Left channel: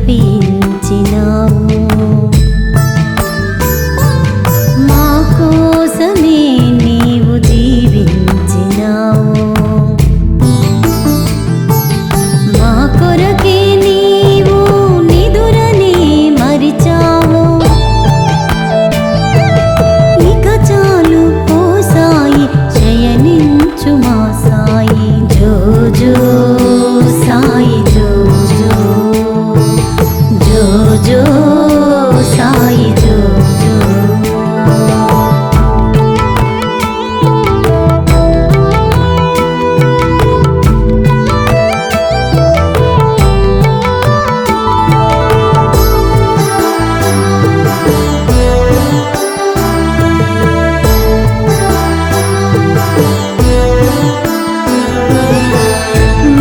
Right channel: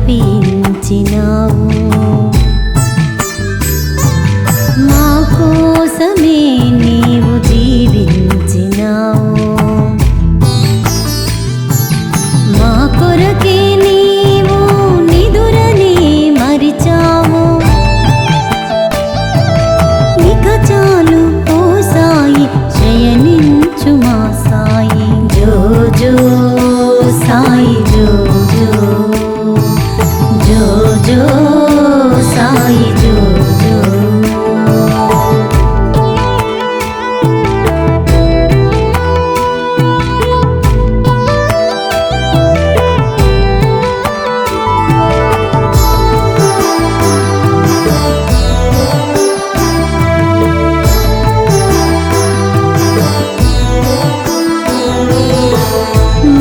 అర్పించినావు. మా కోసమే నీవు జీవించినావు. మా కొరకే నీవు నిదురని మరిచావు. ఇక చాలు ఓ సాయి, శయనించు మా సాయి. జో జో సాయి, జో జో జో జో సాయి, జో జో.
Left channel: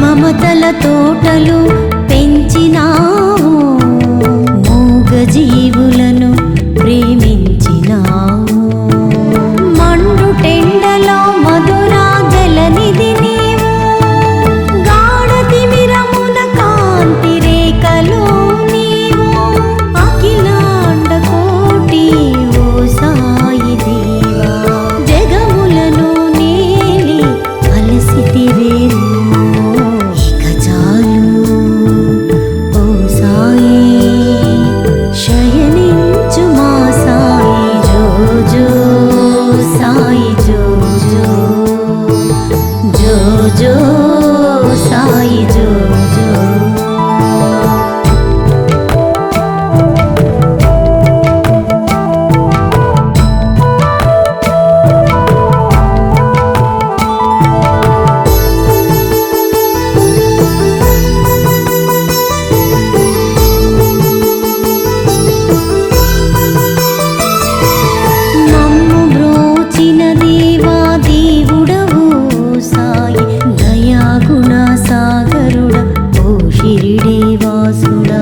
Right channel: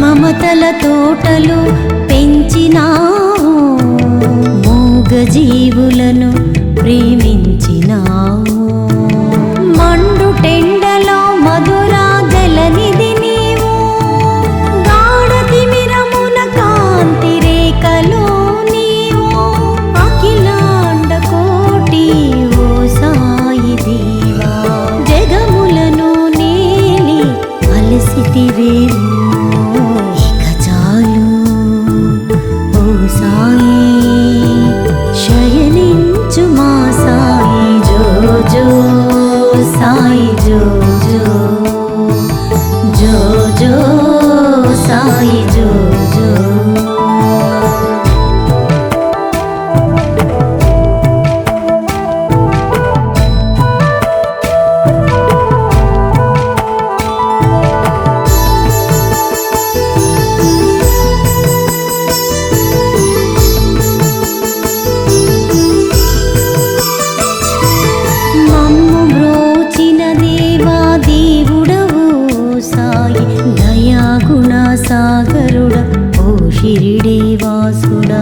మమతల తోటలు పెంచినావు, మూగజీవులను ప్రేమించినావు. మండుటెండలో మధురా జలనిధి నీవు, గాఢతిమిరమున కాంతి రేఖలో నీవు. అఖిలాండ కోటి ఓ సాయి దేవా, జగములను నేలి అలసితివేమో. శయనించు మా సాయి, జో జో సాయి, జో జో జో జో సాయి, జో జో. దేవుడవు సాయి, దయాగుణ సాగరుడ ఓ షిరిడి వాసుడా.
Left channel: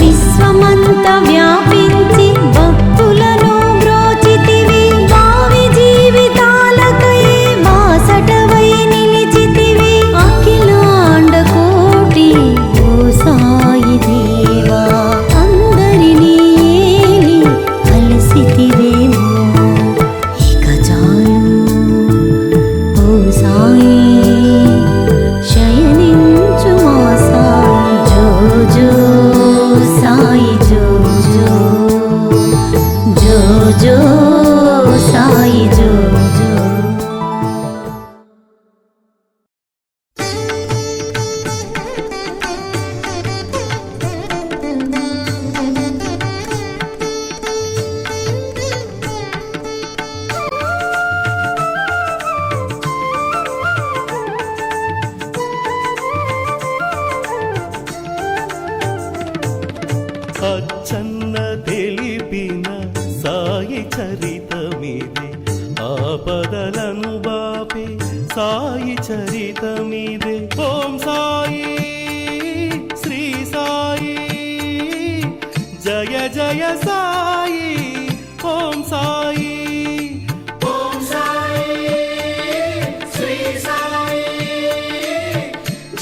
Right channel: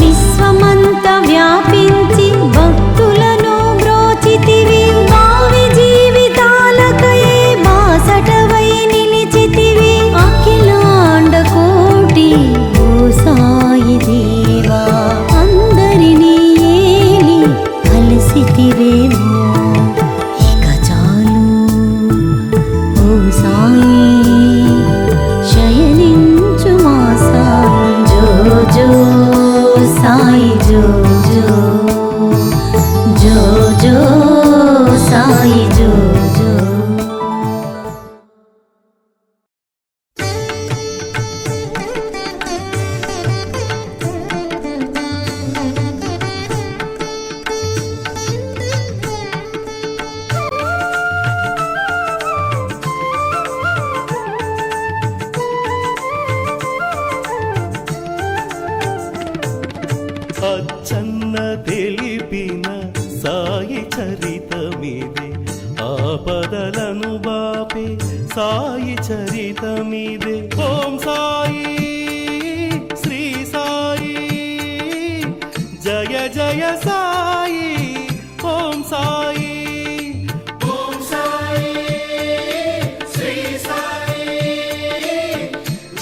విశ్వమంత వ్యాపించి భక్తులను బ్రోచితివి, భావి జీవితాలకై బాసటవై నిలిచితివి. అఖిలాండ కోటి ఓ సాయి దేవా, అందరినీ ఏలి అలసితివేమో. సాయి శయనించు మా సాయి, జో జో సాయి, జో జో జో జో సాయి, జో జో. అచ్చన్న తెలిపిన సాయి చరితమిదే, ఆపదలను బాపే సాయి చరితమిదే. ఓం సాయి శ్రీ సాయి, జయ జయ సాయి. ఓం సాయి, ఓం సాయి శ్రీ సాయి,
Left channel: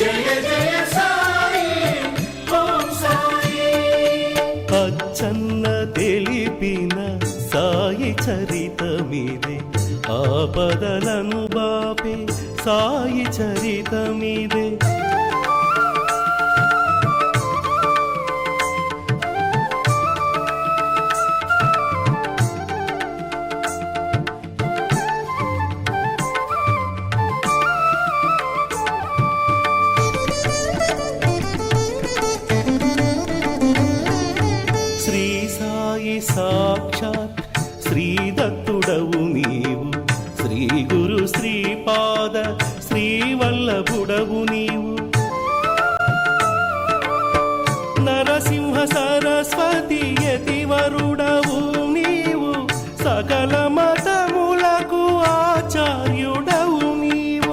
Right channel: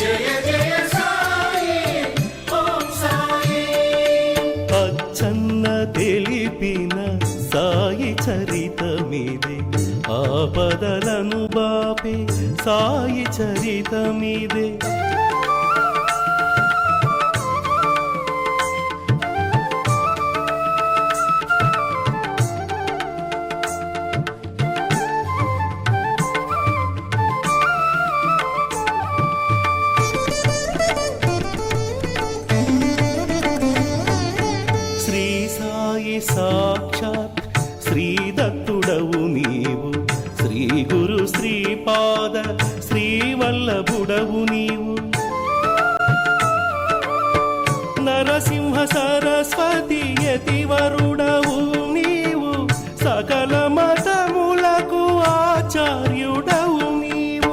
జయ జయ సాయి. ఓం సాయి. అచ్చన్న తెలిపిన సాయి చరితమిదే, ఆపదలను బాపే సాయి చరితమిదే. శ్రీ సాయి సాక్షాత్ శ్రీదత్తుడవు నీవు, శ్రీ గురు శ్రీపాద శ్రీవల్లభుడవు నీవు. నరసింహ సరస్వతి యతివరుడవు నీవు, సకల మతములకు ఆచార్యుడవు నీవు.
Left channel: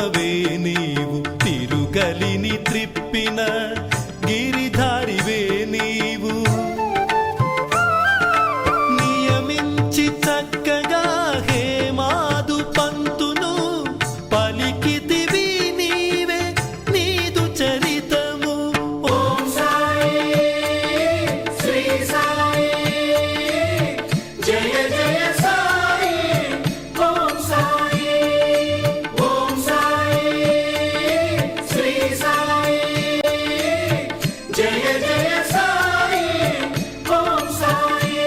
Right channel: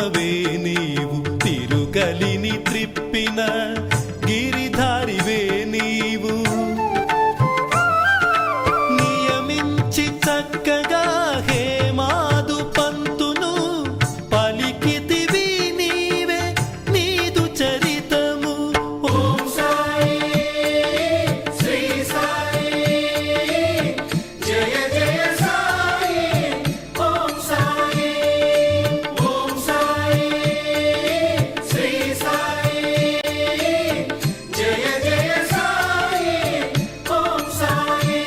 నామవే నీవు తిరుగలిని త్రిప్పిన గిరిధారివే నీవు నియమించి చక్కగా హేమాదు పంతును పలికితివి నీవే నీదు చరితము ఓం సాయి శ్రీ సాయి జయ జయ సాయి ఓం సాయి శ్రీ సాయి జయ జయ సాయి ఓం సాయి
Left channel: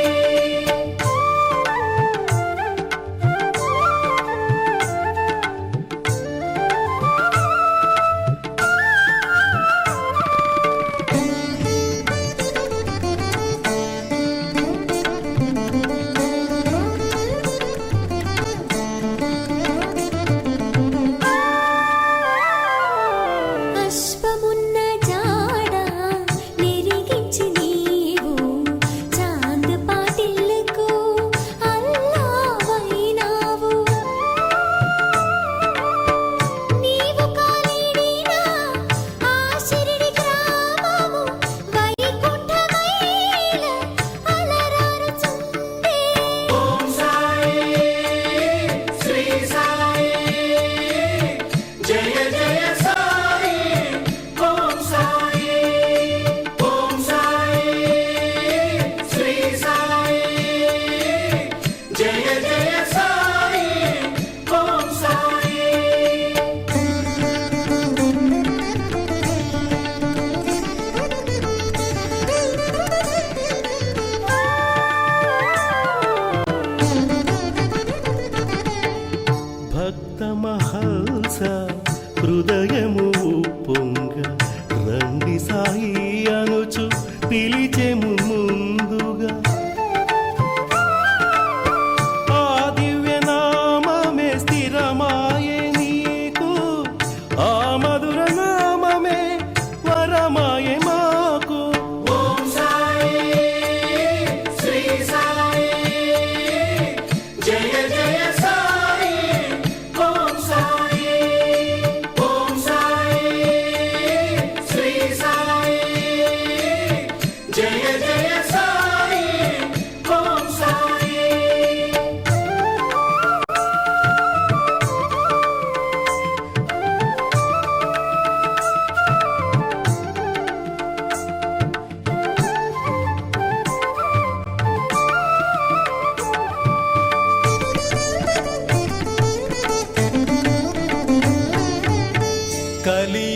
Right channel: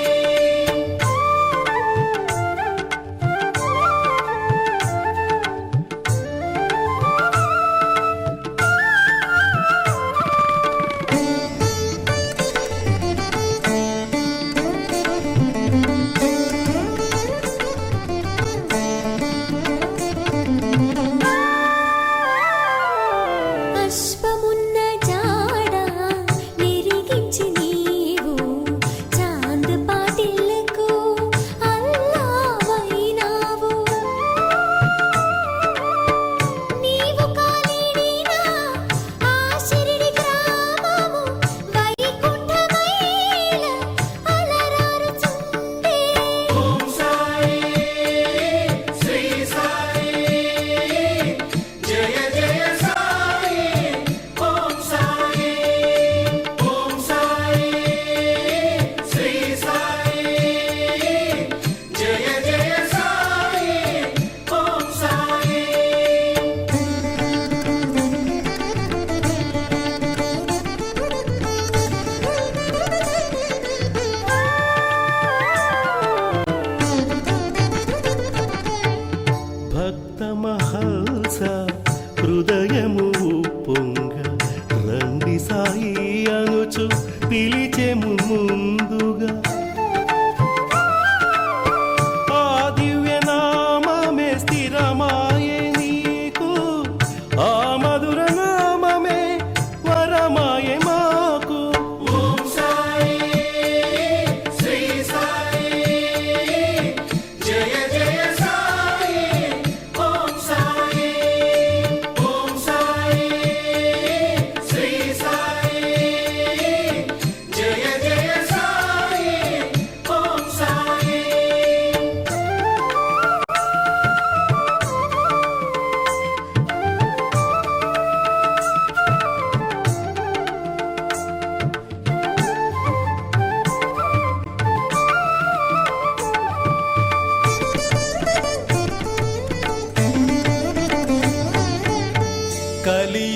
అశ్వమున్న జాడ నెరిగించి నీవు చాంద్ పాటిల్లకు అల్లావైనావు నీవు కాలిడిన ఆ షిరిడి గ్రామము వైకుంఠమైల అలరారుచుండే ఓం సాయి శ్రీ సాయి జయ జయ సాయి ఓం సాయి శ్రీ సాయి జయ జయ సాయి ఓం సాయి భక్తమహల్స హృదయము పొంగ రండి సాయి అనుచు పిలిచెము ముందుగా ఆ దివ్యనామమే స్థిరమాయే నీకు ఆ మధుర నామమే వరమాయే మాకు ఓం సాయి శ్రీ సాయి జయ జయ సాయి ఓం సాయి శ్రీ సాయి జయ జయ సాయి ఓం సాయి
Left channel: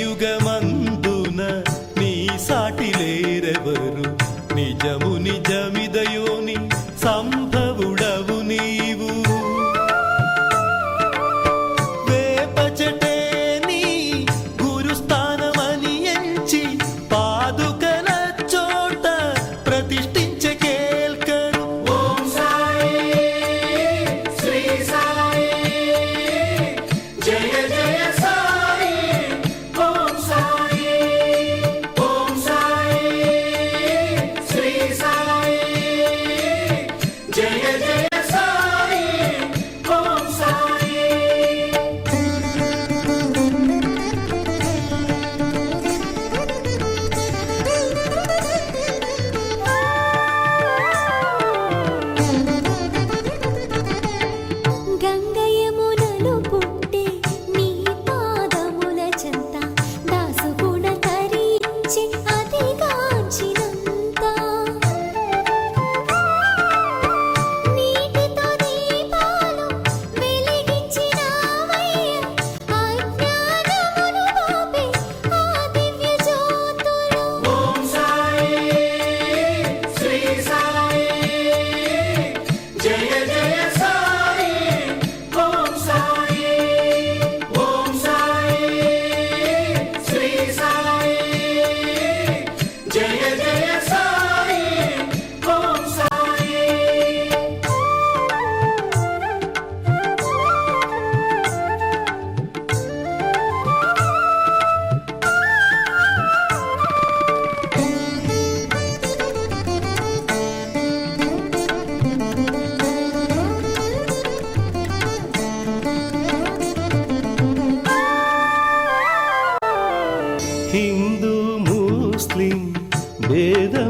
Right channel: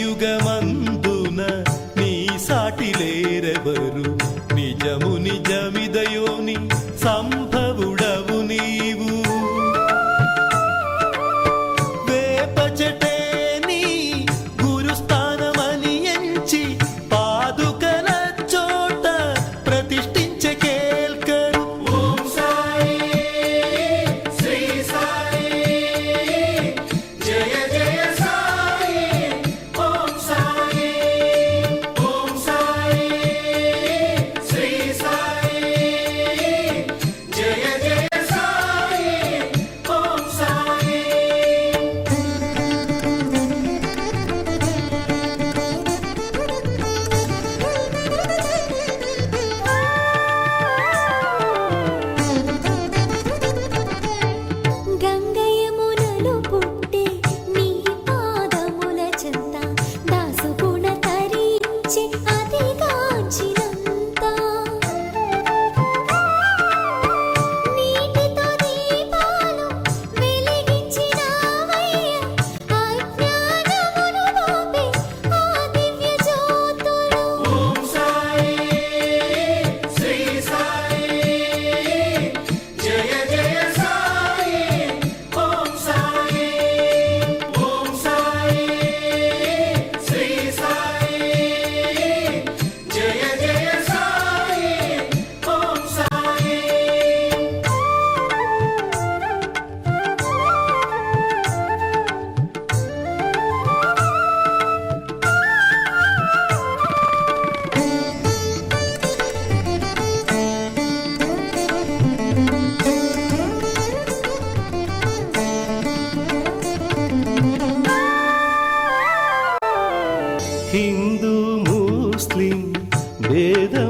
కలియుగమందున నీ సాటిలేరెవరు నిజము నిజమిదయోని సంభవుడవు నీవు వేపచటే నీ గురుస్థానమని ఎంచి పాదుకల చోట ప్రతిష్ఠించే కేల్కరు ఓం సాయి శ్రీ సాయి జయ జయ సాయి ఓం సాయి శ్రీ సాయి జయ జయ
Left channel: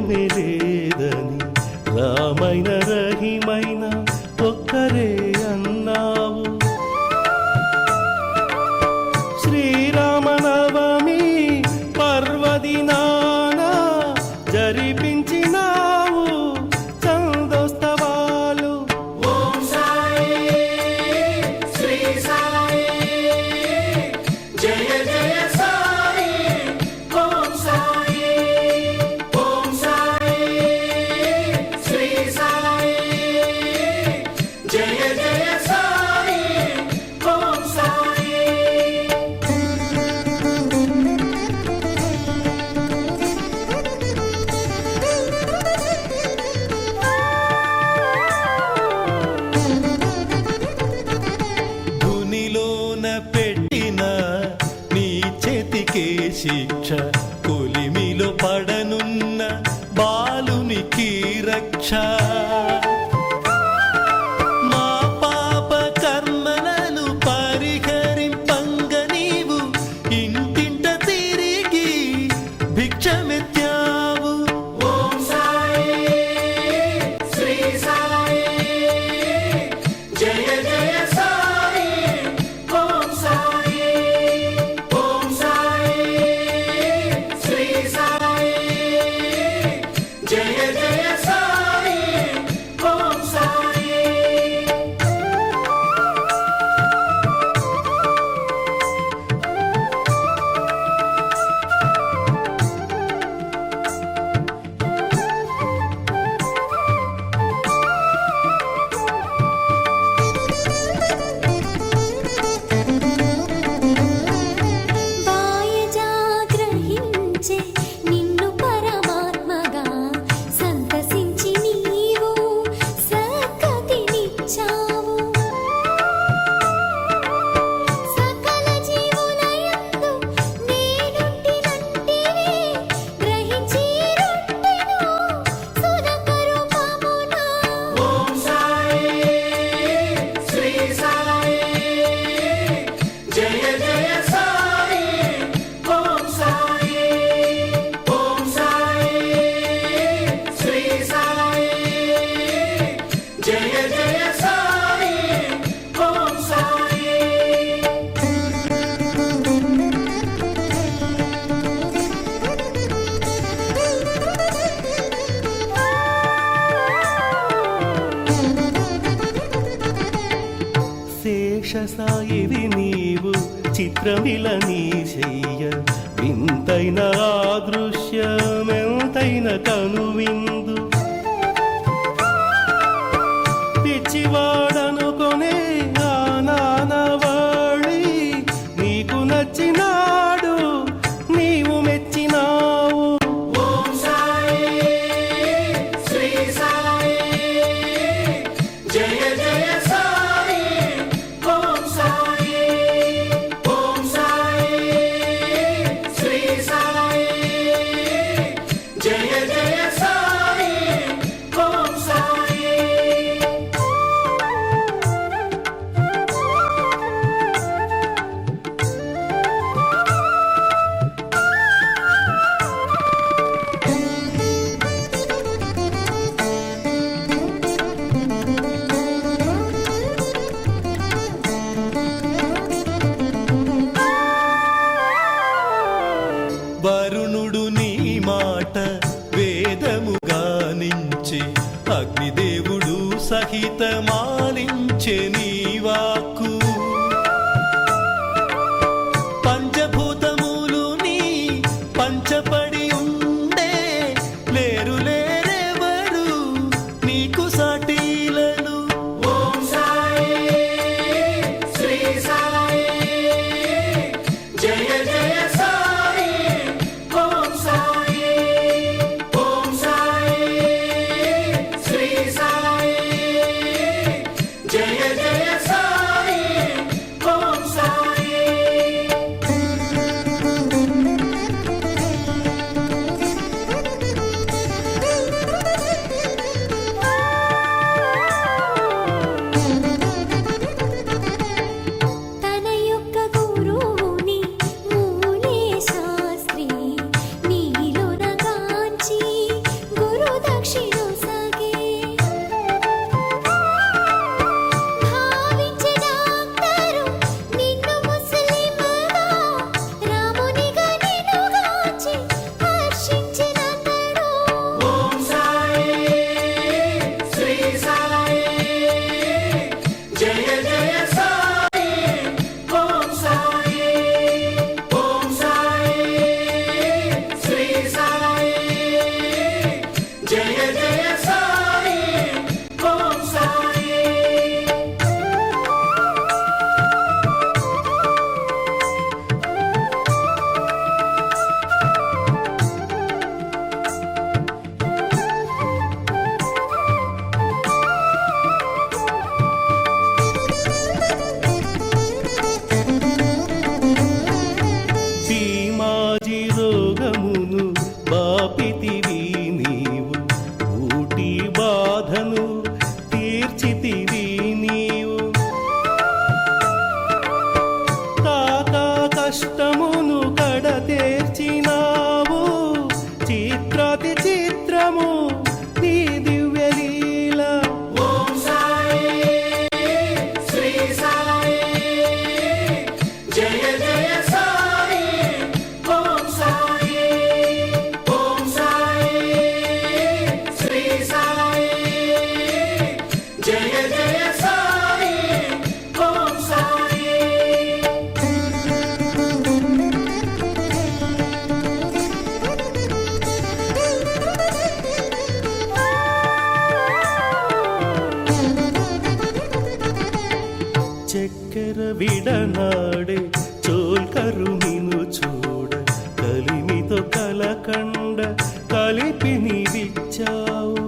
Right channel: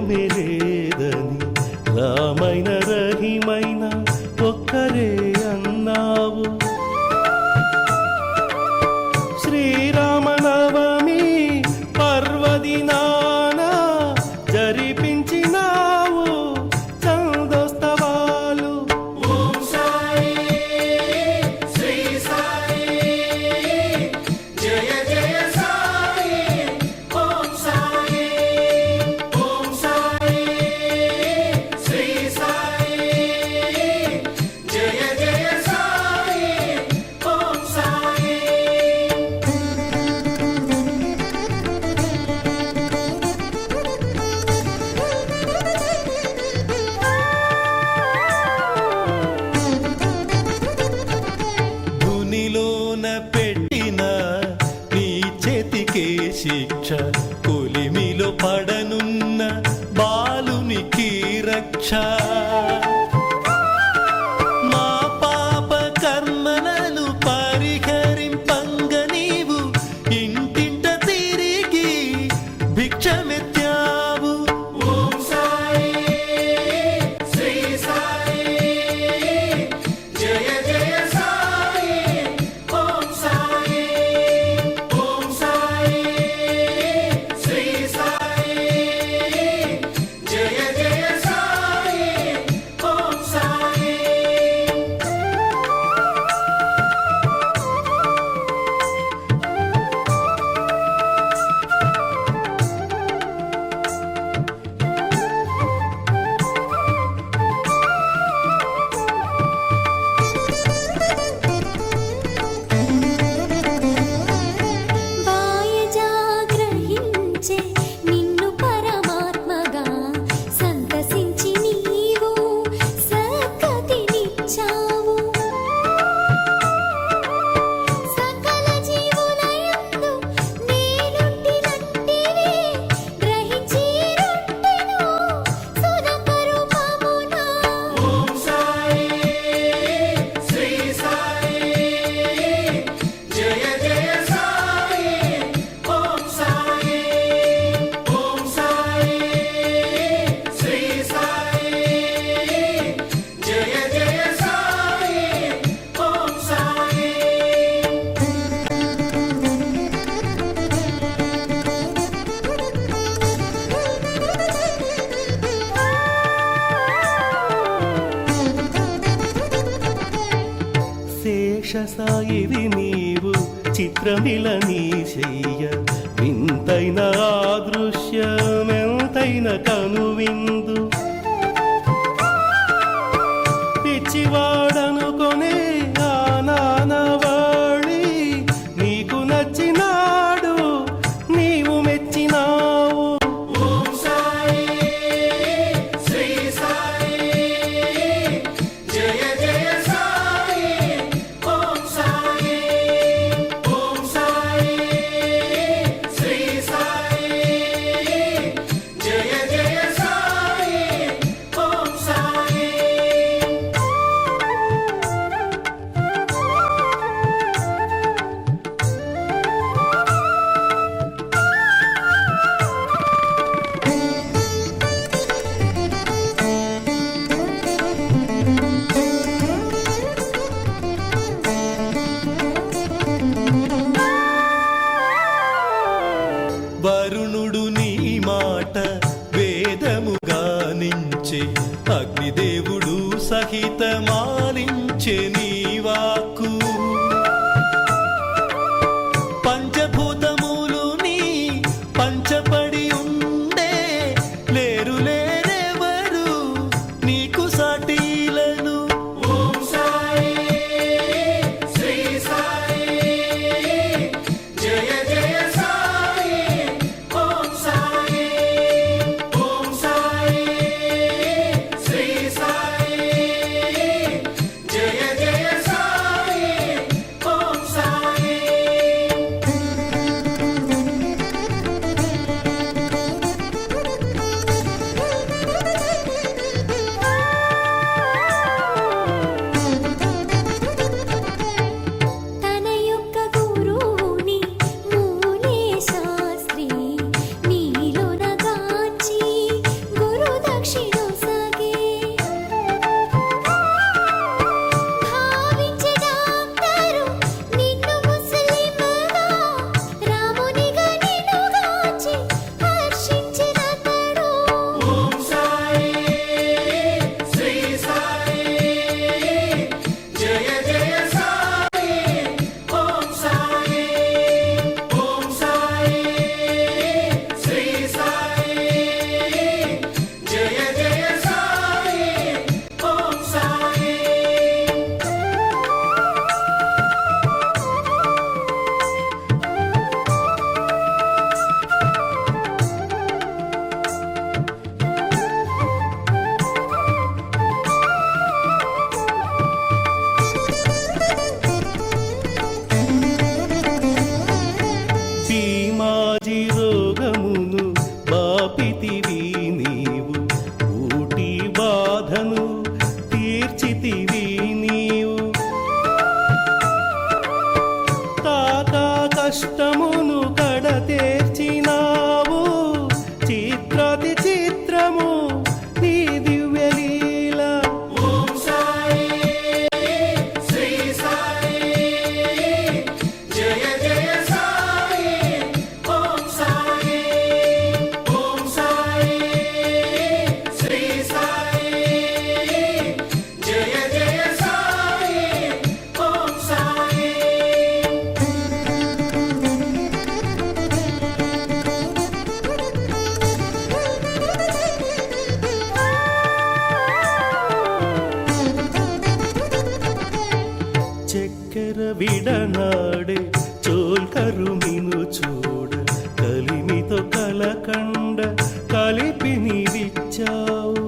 భేదమే లేదని రామైన రహిమైన ఒక్కరే అన్నావు. శ్రీరామనవమి పర్వదినాన జరిపించినావు చందోత్సవాలు. పెట్టిన నీ చేతికే శిక్ష, కొలిమిలో పడనున్న బాలునికి రక్ష. మా పాప కర్మలను పరిహరింపంగ నీవు ఇంటింట తిరిగి భిక్షమెత్తావు. నిన్ను పరమాత్మగా సంతసించి నీవు సద్గతినిచ్చావు. సకల జీవులయందు నేనుంటినంటివి గ్రహించి రొట్టెను సునక రూపమున. శేషసాయివి నీవు చిత్రమిల నీ శయ్య, వింతైన ఆదృశ్యమెంతైన కనువిందు. పిచ్చివాడనుకొనే ఆ నానవాళి నీకు నచ్చినాడు, నీవు మెచ్చినావు. వరుణుడు నీ మాట వేదముగా నించే, అగ్నిదేవుడు సహితమాలించే నీ వాక్కు. పంచభూతములు నీ పంచపడి ఉండే, లేరు లేరెవరు నీకు సాటీలను. బాపితివి నీవు, ఊటి బాధను తీర్చితివి నీవు. తాకా కష్టమును కడతేర్చినావు, చిత్రాతి చిత్రము నీ దివ్యలీల. ఓం సాయి శ్రీ సాయి జయ జయ సాయి ఓం సాయి. ఓం సాయి శ్రీ సాయి జయ జయ సాయి ఓం సాయి. చక్కెర విడనాడే చోల్కరుమిను చూడ, కలిమితో కలకండ కలిపి నీవిచ్చావు.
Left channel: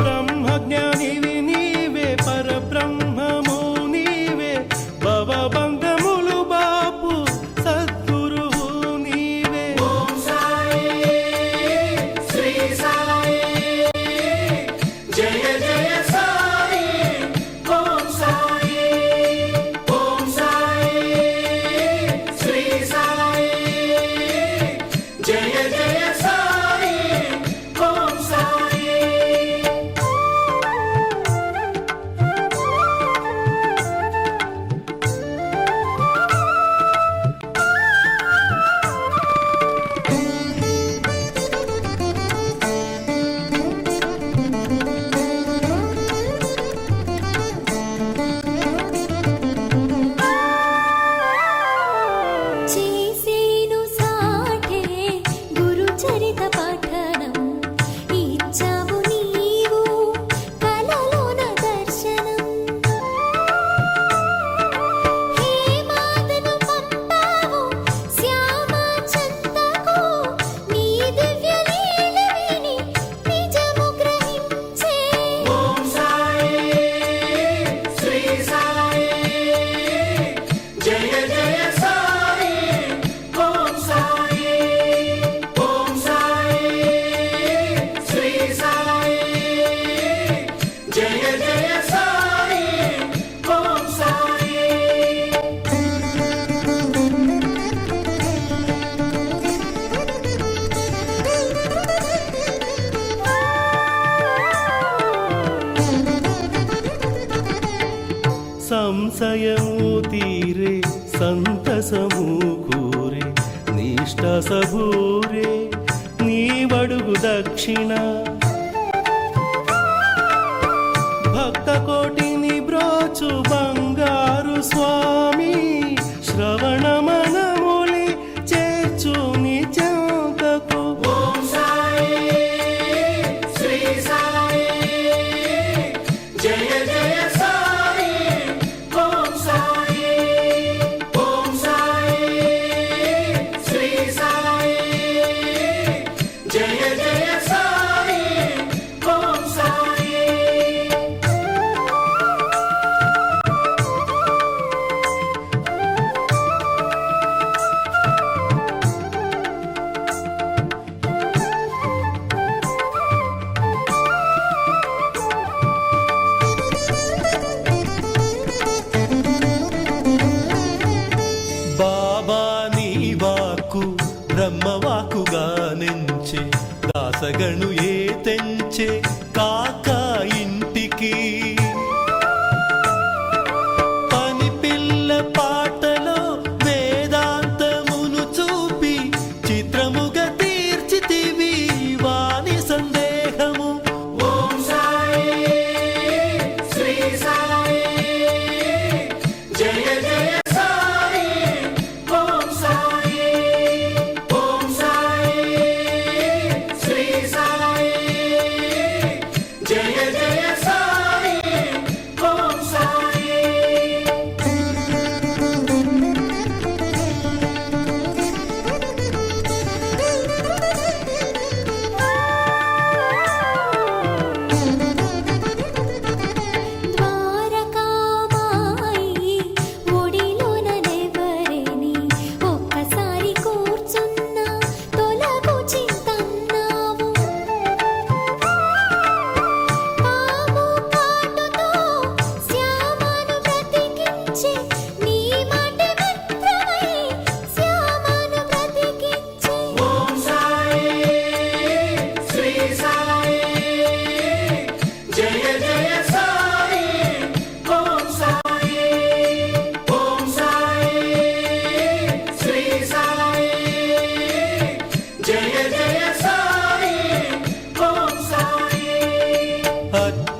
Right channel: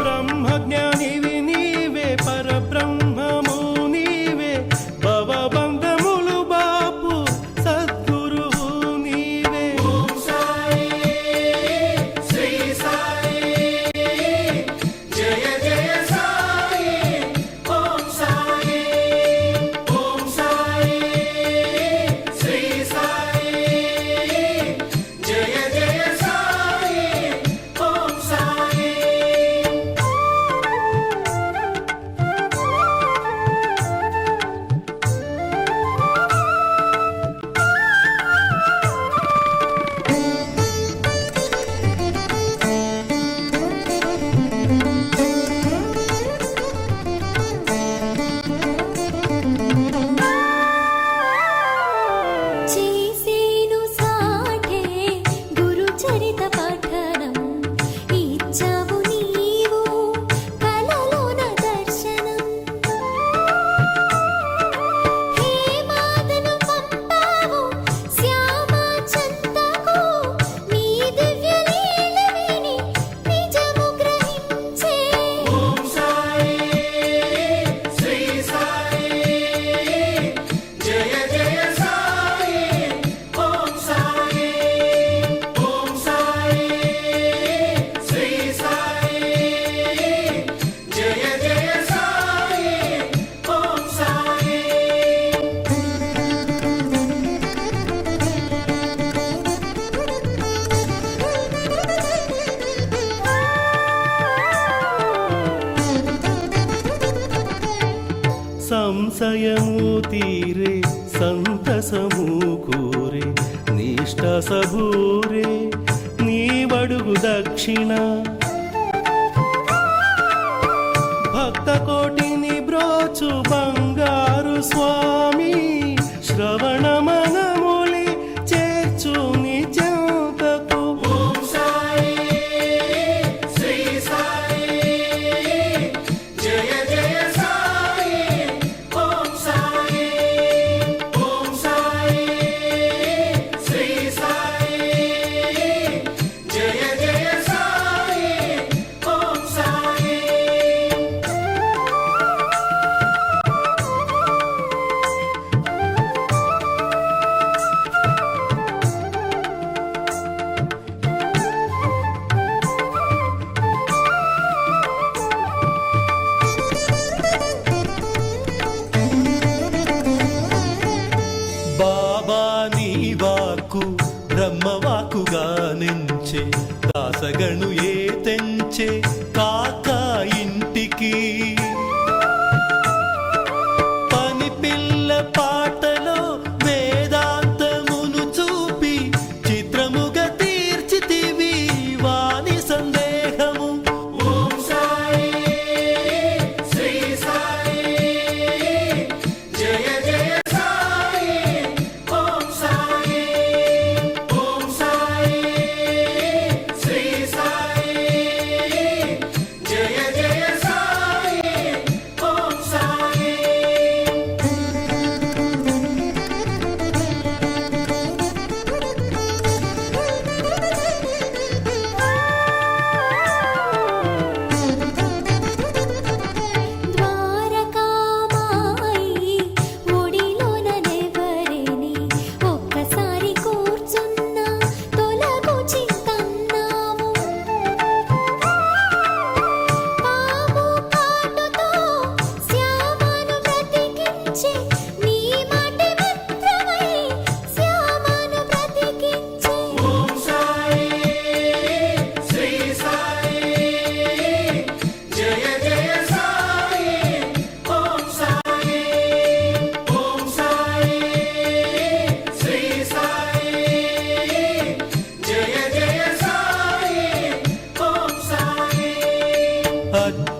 బ్రహ్మజ్ఞానివి నీవే, పరబ్రహ్మము నీవే, భవబంధములు బాపు సద్గురువు నీవే. ఓం సాయి శ్రీ సాయి జయ జయ సాయి ఓం సాయి. ఓం సాయి శ్రీ సాయి జయ జయ సాయి ఓం సాయి. చేసేను సాఠే గురుచరిత పఠనం, ఇచ్చావు నీవు కలలోన దర్శనం. హే మాదను పంపావు శ్యామ చంతకు, నీ దివ్య లీల విని నిజము గ్రహించే. ఓం సాయి శ్రీ సాయి జయ జయ సాయి ఓం సాయి. ఓం సాయి శ్రీ సాయి జయ జయ సాయి ఓం సాయి. సంశయము తీరే సంతసము కూరే, నిష్ట సభూరే నీవడుగు దక్షిణ. భక్త కోటిని బ్రోచు బంగారు స్వామి, శ్రవణ మనములి చేర్చు నీ చెంతకు. ఓం సాయి శ్రీ సాయి జయ జయ సాయి ఓం సాయి. ఓం సాయి శ్రీ సాయి జయ జయ సాయి ఓం సాయి. బాబా నీ వాక్కు బ్రహ్మవాకుగా నించే, దాసగణు ఏ తెంచే కాక ఇంటికి. పని పిల్ల పాటలో వేదాంతమును చూపి, చిత్రముగా తీర్చితివి వాని సందేహము. ఓం సాయి శ్రీ సాయి జయ జయ సాయి ఓం సాయి. ఓం సాయి శ్రీ సాయి జయ జయ సాయి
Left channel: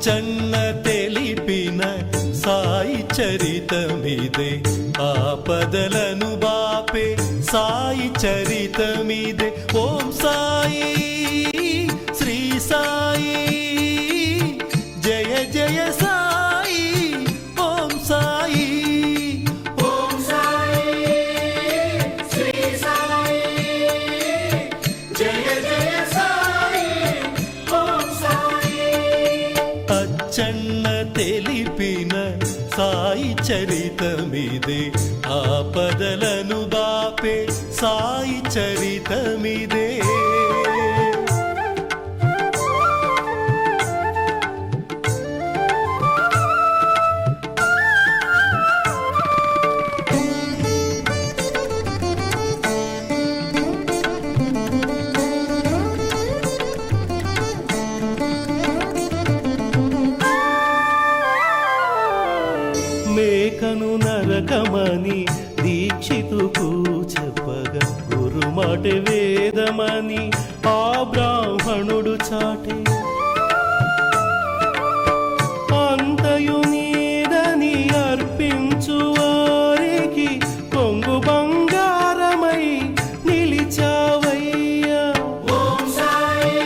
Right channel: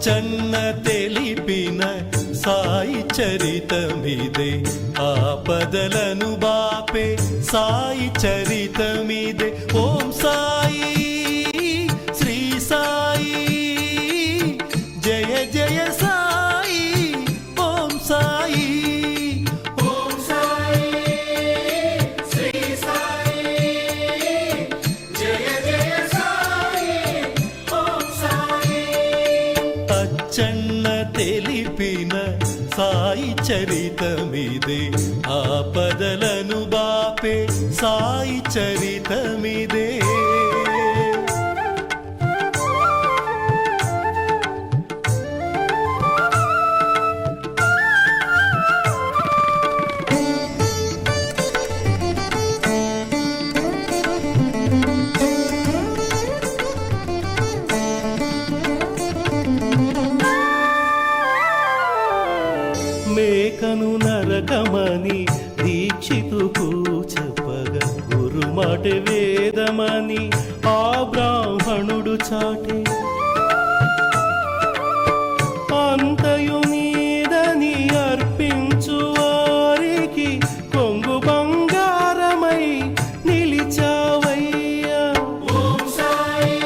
అచ్చన్న తెలిపిన సాయి చరితమిదే ఆపదలను బాపే సాయి చరితమిదే ఓం సాయి శ్రీ సాయి జయ జయ సాయి ఓం సాయి ఓం సాయి శ్రీ సాయి జయ జయ సాయి ఓం సాయి అచ్చన్న తెలిపిన సాయి చరితమిదే ఆపదలను బాపే సాయి చరితమిదే మేకను నరకమని దీక్షితుకు చెప్పగా గురుమాట వేదమని ఆ బ్రాహ్మణుడు చాటే అంతయు నీదని అర్పించు వారికి కొంగు బంగారమై నిలిచావయ్యా ఓం సాయి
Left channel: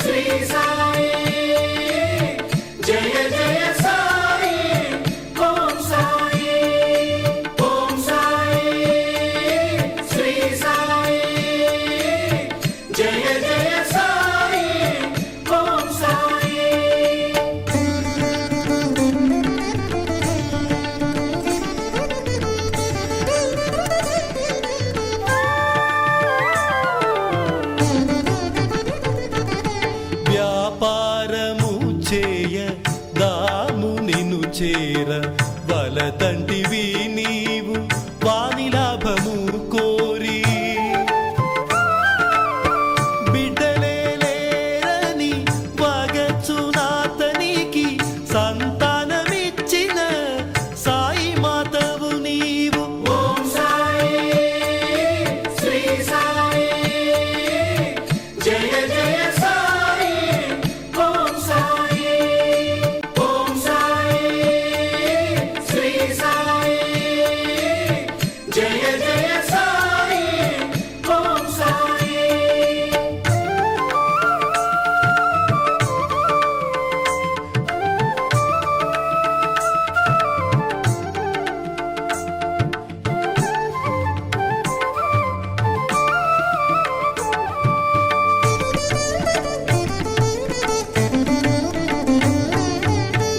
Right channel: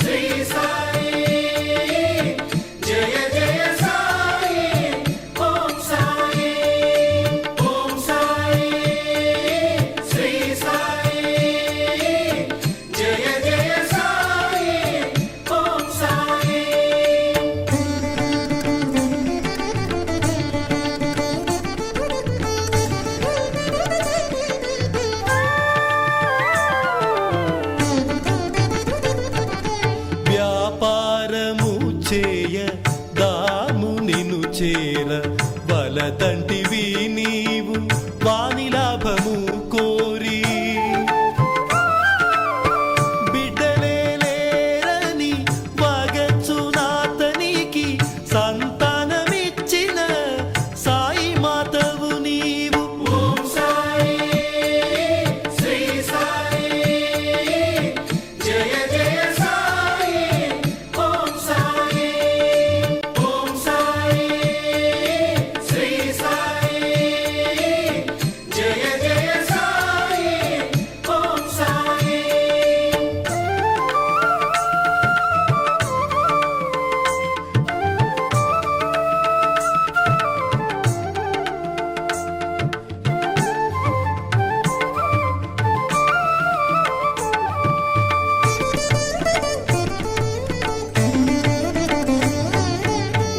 శ్రీ సాయి జయ జయ సాయి ఓం సాయి ఓం సాయి శ్రీ సాయి జయ జయ సాయి ఓం సాయి వ్యాపారము చేయ దాము నిను చేర వలదంటివి నీవు వాని లాభము కోరి బిడ్డలే లేరని వగచునాతనికి సంతానమిచ్చిన సాయి మాతవు నీవు ఓం సాయి శ్రీ సాయి జయ జయ సాయి ఓం సాయి ఓం సాయి శ్రీ సాయి జయ జయ సాయి ఓం సాయి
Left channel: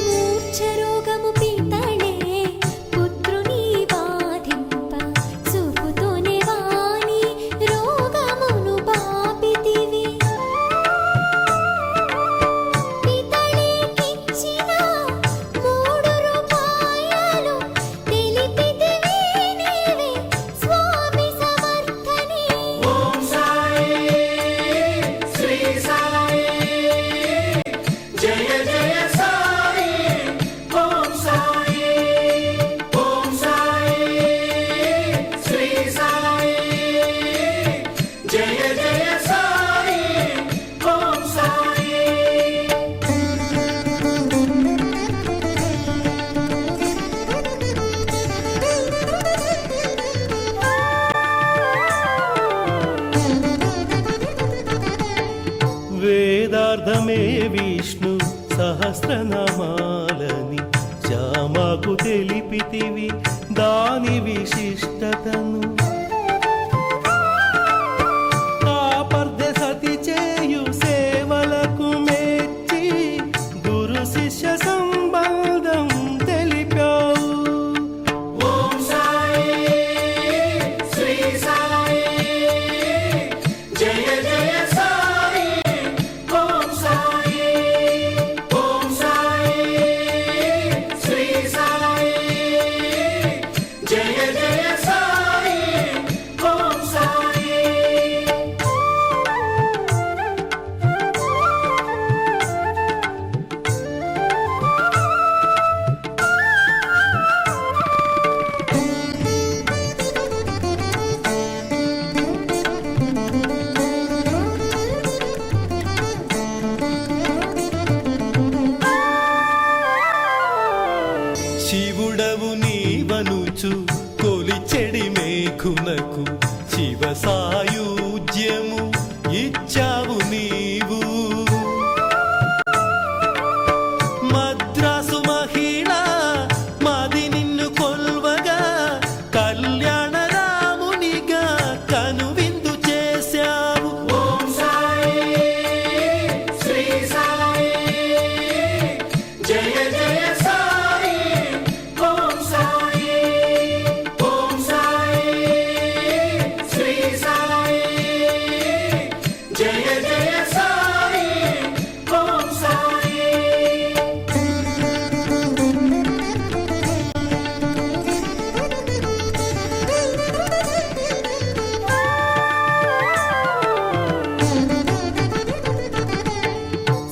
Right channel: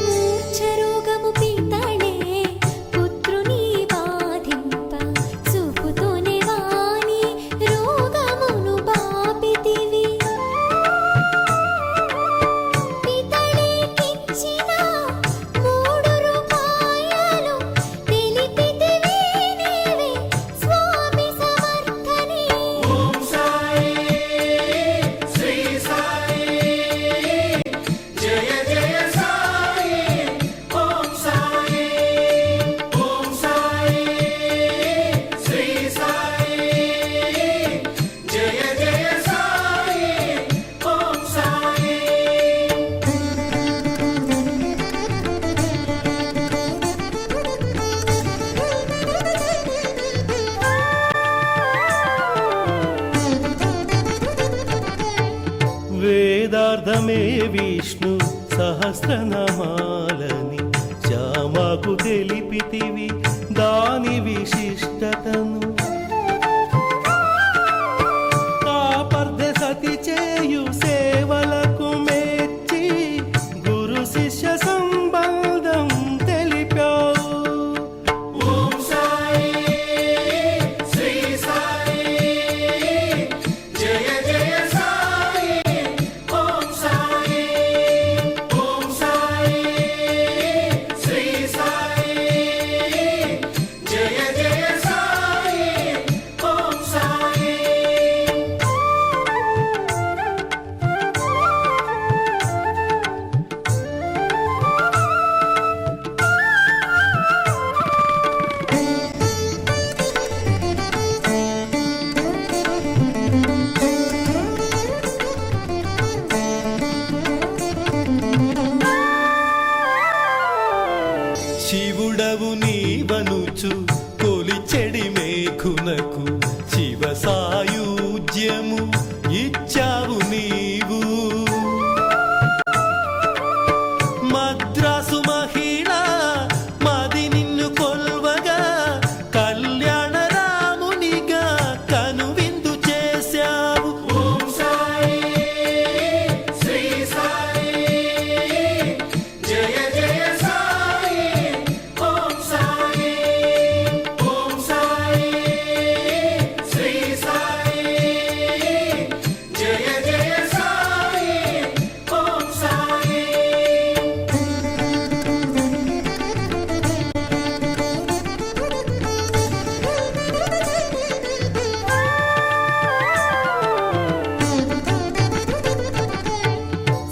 మూర్ఛరోగము పీతళే పుత్రుని బాధింప చూపుతోనే వాని రోగమును బాపితివి పితళేకిచ్చిన 3 రూపాయలు తెలిపితివి నీవే స్వామి సమర్థని ఓం సాయి శ్రీ సాయి జయ జయ సాయి ఓం సాయి ఓం సాయి శ్రీ సాయి జయ జయ సాయి ఓం సాయి వేదార్థమే విష్ణు సహస్రనామాలని శ్యామకు తెలిపితివి దాని విశిష్టతను కాపర్ధ సతి చేయు సేవలకు మెచ్చి గురు శిష్య సంబంధం తెలిపావు ఓం సాయి శ్రీ సాయి జయ జయ సాయి ఓం సాయి ఓం సాయి శ్రీ సాయి జయ జయ సాయి ఓం సాయి మనకు శివ సాయుజ్యము ఇచ్చావు నీవు. మద్రాసు మహిళ మది నిన్ను కొల్వగా కళ్యాణ రామునిగా కనువిందు చేశావు. ఓం సాయి శ్రీ సాయి జయ జయ సాయి ఓం సాయి ఓం సాయి శ్రీ సాయి జయ జయ సాయి ఓం సాయి.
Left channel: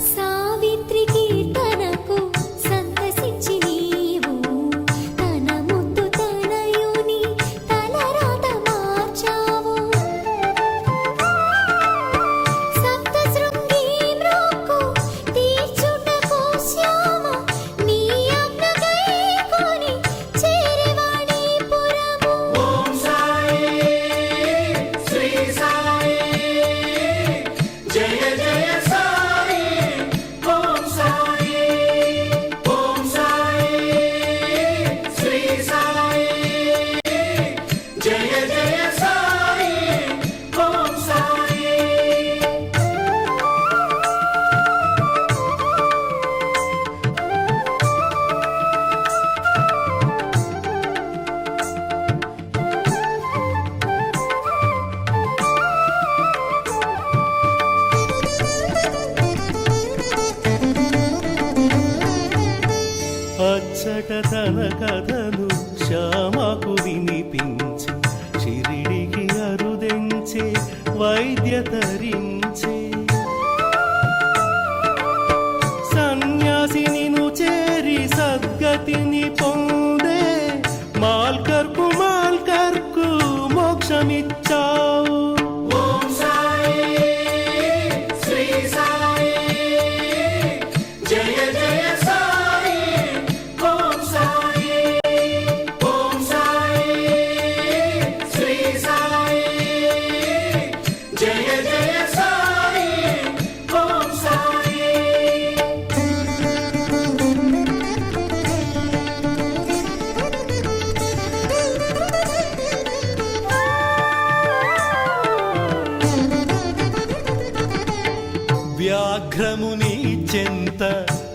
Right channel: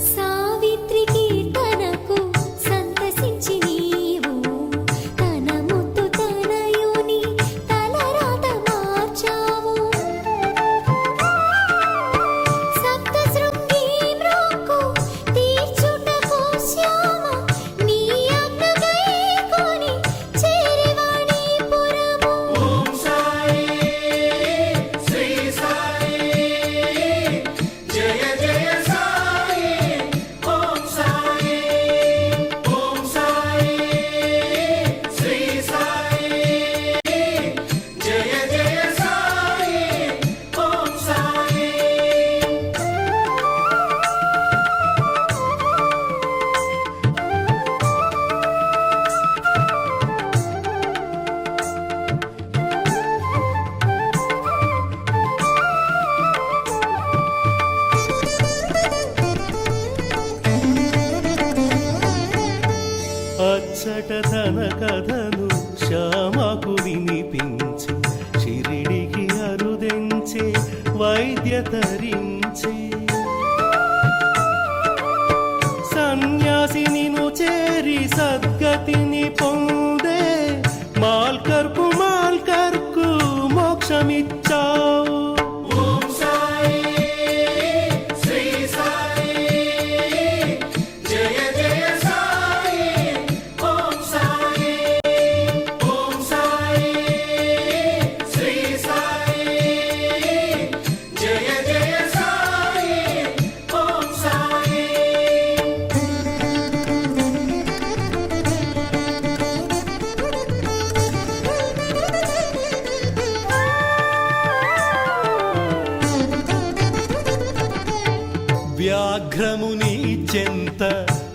సావిత్రి కీర్తనకు సంతసించి నీవు తన ముద్దు తనయుని తలరాత మార్చావు. సప్త శృంగి మ్రోక్కు తీర్చుటకు శ్యామ నీ ఆజ్ఞ గైకొని చేరివాణిపురము. ఓం సాయి శ్రీ సాయి జయ జయ సాయి ఓం సాయి ఓం సాయి శ్రీ సాయి జయ జయ సాయి ఓం సాయి. అచ్చట తన కథను శ్యామకు వినిపించి షిరిడికి అరుదెంచే వైద్య తరించే. సన్యాసినిను చేరి సద్గతిని పొందే మాల్కర్కు మోక్షమిచ్చావు. ఓం సాయి శ్రీ సాయి జయ జయ సాయి ఓం సాయి ఓం సాయి శ్రీ సాయి జయ జయ సాయి ఓం సాయి. వ్యాఘ్రముని చెంత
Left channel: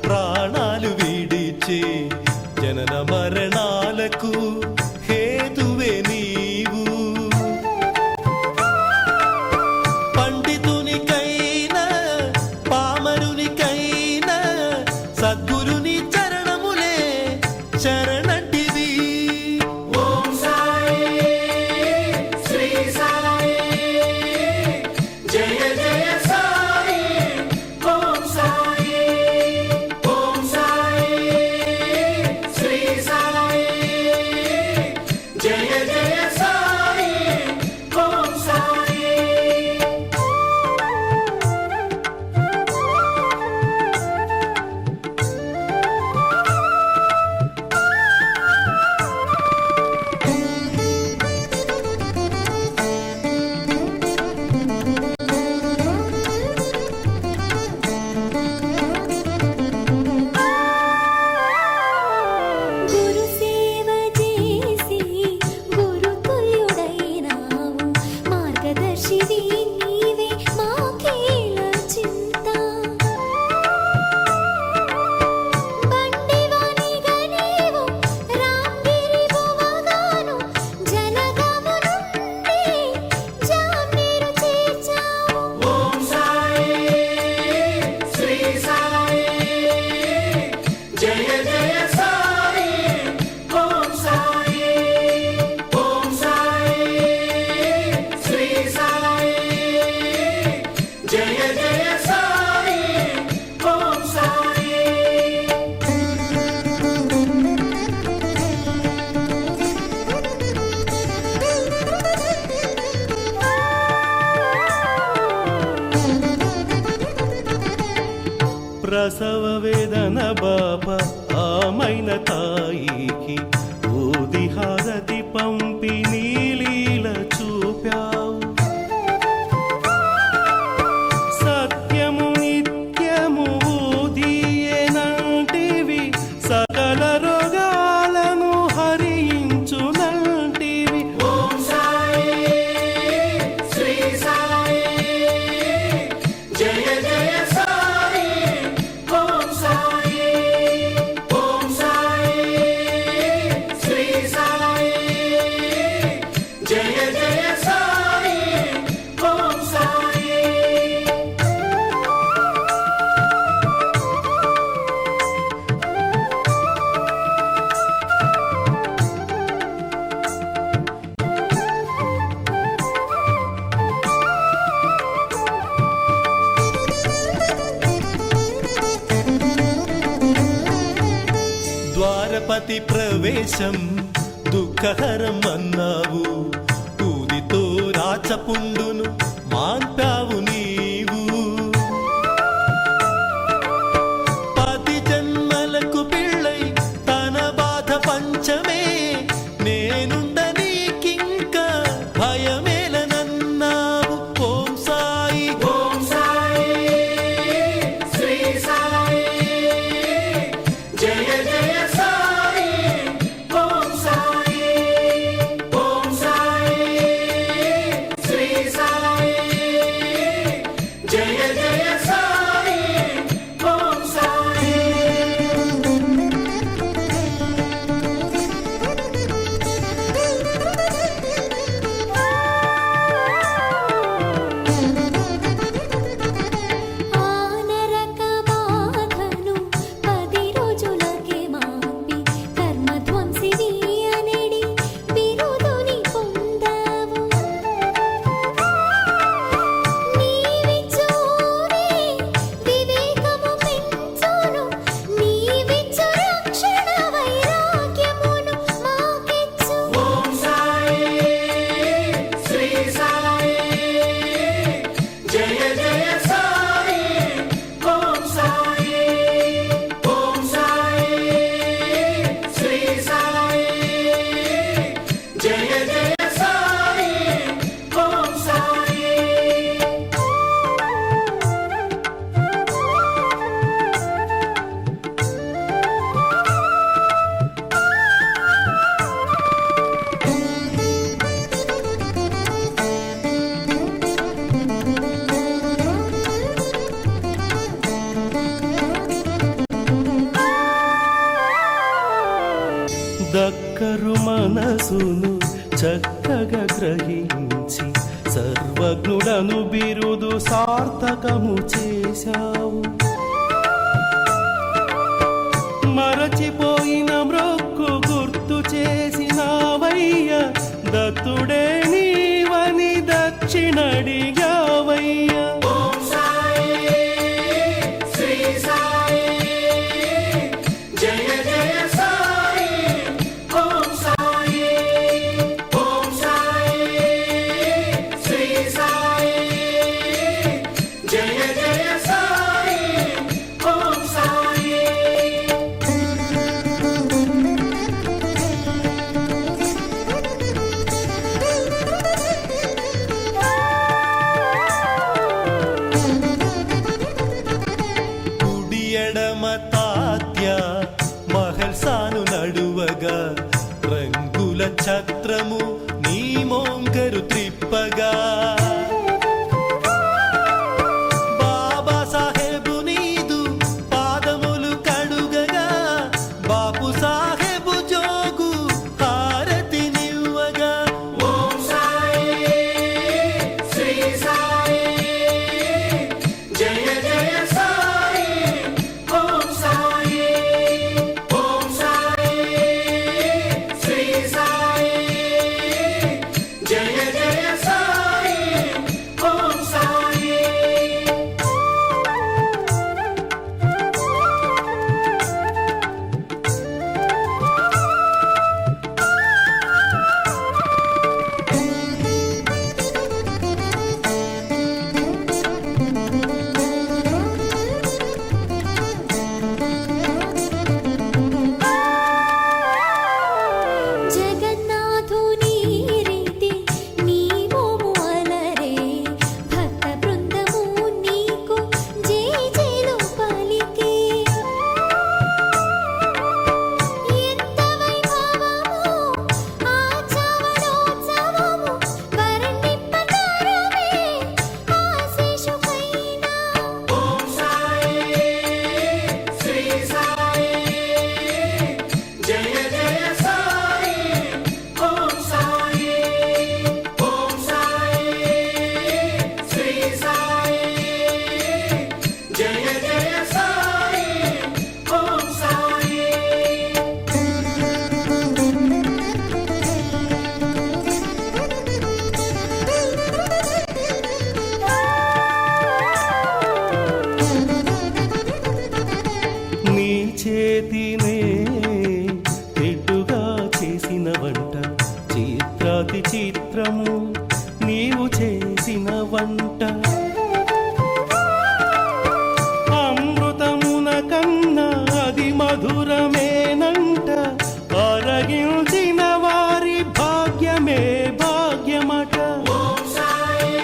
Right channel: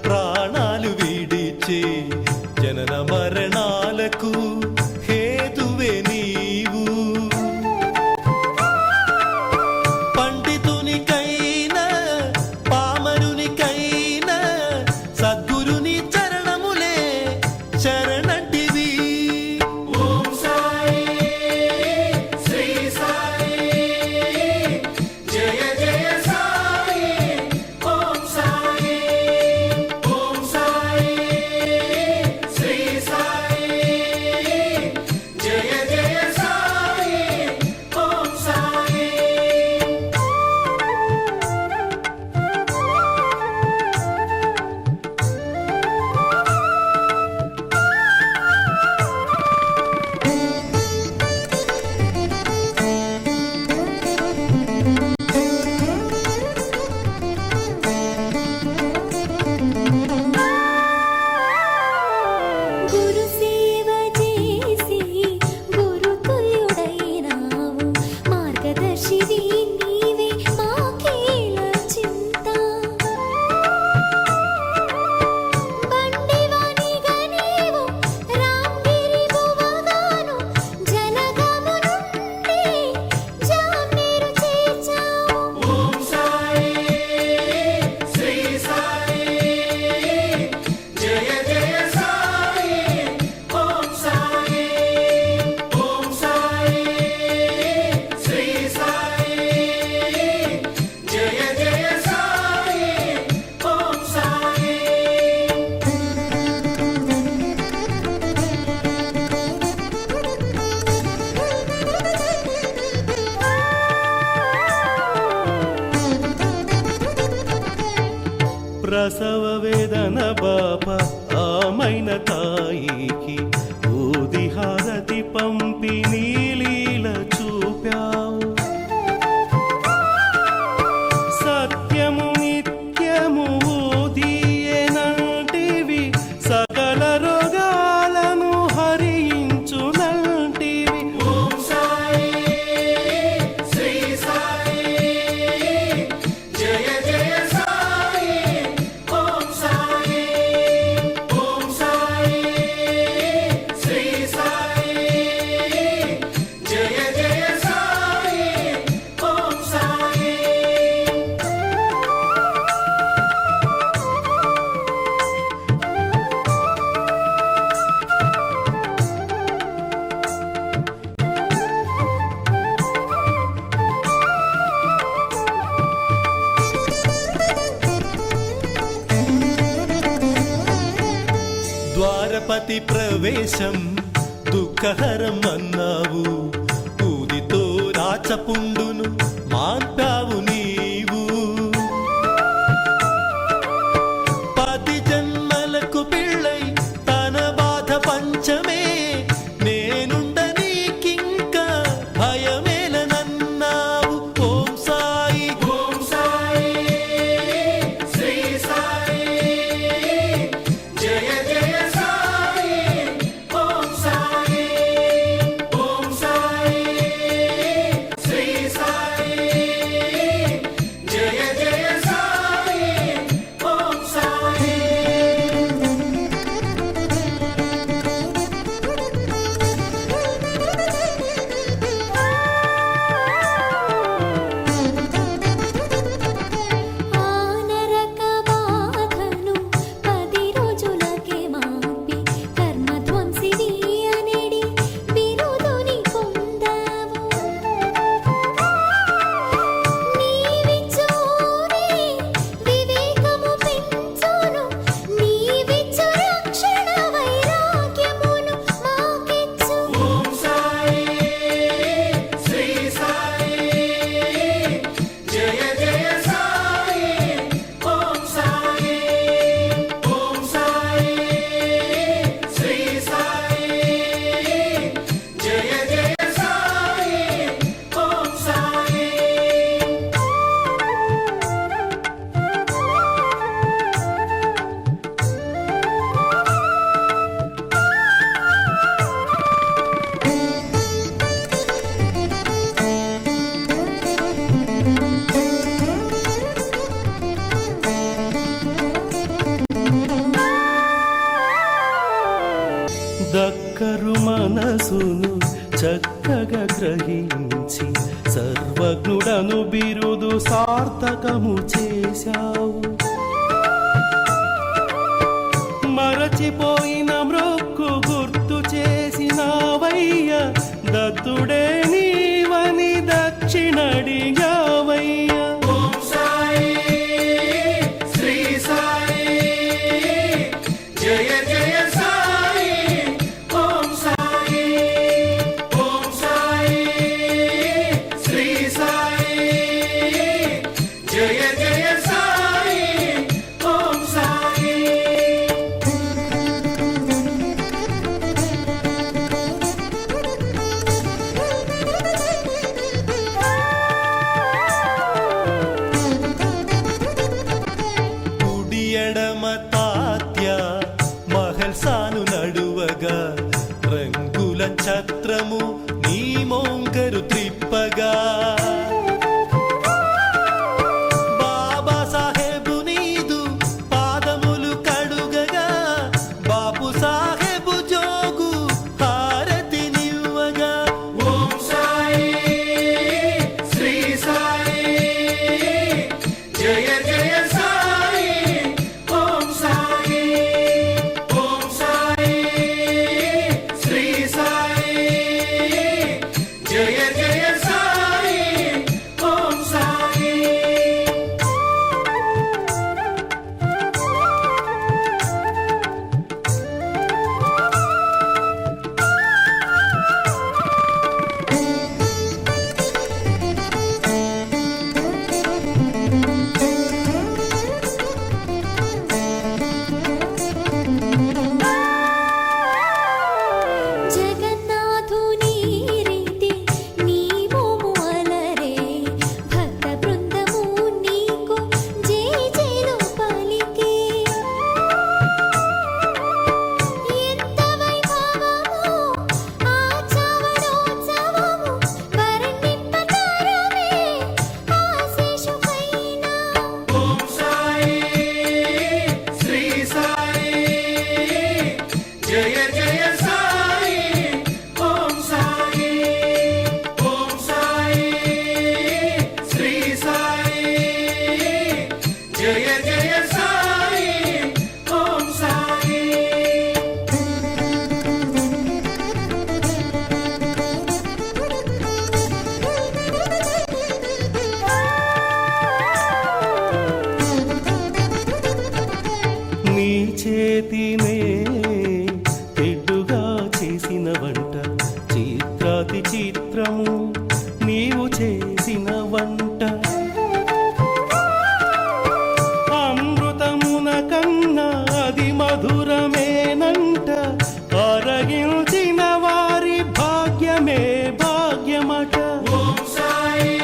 ప్రాణాలు విడిచి జనన మరణాలకు హేతువే నీవు. పండితునికైనా పామరునికైనా సద్గురుని చరణములే శరణంటివి. ఓం సాయి శ్రీ సాయి జయ జయ సాయి ఓం సాయి ఓం సాయి శ్రీ సాయి జయ జయ సాయి ఓం సాయి. గురు సేవ చేసి గురుతుల్యుడైనావు. మార్గదర్శివి నీవే మాకేల చింత. బండివానిగా నీవు రాంగిరి బువగాను జలగము నుండి జామ్నీరు చేర్చావు. ఓం సాయి శ్రీ సాయి జయ జయ సాయి ఓం సాయి ఓం సాయి శ్రీ సాయి జయ జయ సాయి ఓం సాయి. ప్రసవ వేదన బాప ఆమైన తాయికి ఊది హారతి పంపి నీలీల చూ మోపావు. సత్యము నిత్యము ఊదియేనంటివి, సకల రోగాలను హరించునంటివి. ఓం సాయి శ్రీ సాయి జయ జయ సాయి ఓం సాయి ఓం సాయి శ్రీ సాయి జయ జయ సాయి ఓం సాయి. ద్వారపతి ప్రవేశం దుఃఖహరం అన్నావు, ఊదితో రాచపుండును మాన్పావు నీవు. 10 జన్మలకు పిళ్ళై తన బాధ పంచమే, నేనుండ నీకింక భయమేలనన్నావు. ఓం సాయి ఓం సాయి శ్రీ సాయి జయ జయ సాయి ఓం సాయి ఓం సాయి శ్రీ సాయి జయ జయ సాయి ఓం సాయి. ఆ నరక బాధను 10 రోజులకే మాపి కర్మధ్వంసివి అనెడి బిరుదుని పొందావు. నీవిచ్చోరే వివేకము పెంచును, నీవిచ్చు రక్షణ వైరాగ్యమును మాకిచ్చు. ఓం సాయి శ్రీ సాయి జయ జయ సాయి ఓం సాయి ఓం సాయి శ్రీ సాయి జయ జయ సాయి ఓం సాయి. దక్కరు మనసును చక్కగా గ్రహించి సర్వజ్ఞుడను బిరుదు సార్థకము చేశావు. మరచిపోయిన మ్రొక్కు గుర్తు చేసినావయ్య, దత్తుడే నీవని దక్షిణడిగావయ్య. ఓం సాయి శ్రీ సాయి జయ జయ సాయి ఓం సాయి ఓం సాయి శ్రీ సాయి జయ జయ సాయి ఓం సాయి. కుడి ఎడమ తాత్య మహల్సాను నడువగా, రంగుల ఛత్రము నీ మోంకరు త్రిప్పగా. బాబా సాహెబు నీదు పాదములు కడుగగా, బాపు సాహెబు జోగు హారతి నివ్వగా. ఓం సాయి శ్రీ సాయి జయ జయ సాయి ఓం సాయి ఓం సాయి శ్రీ సాయి జయ జయ సాయి చేతినే తెడ్డుగా చేసిన వంట చిత్రాతి చిత్రము నీవు చేసిన వంట అమృతమున కన్నా అది మధురమేనంట అరగించిన వారి భాగ్యమే భాగ్యమట ఓం సాయి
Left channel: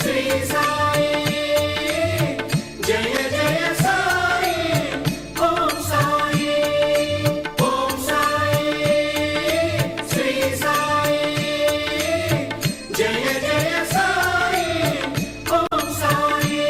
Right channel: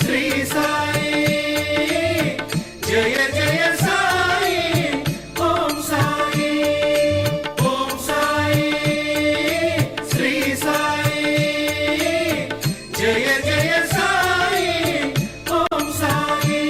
శ్రీ సాయి జయ జయ సాయి ఓం సాయి ఓం సాయి శ్రీ సాయి జయ జయ సాయి ఓం సాయి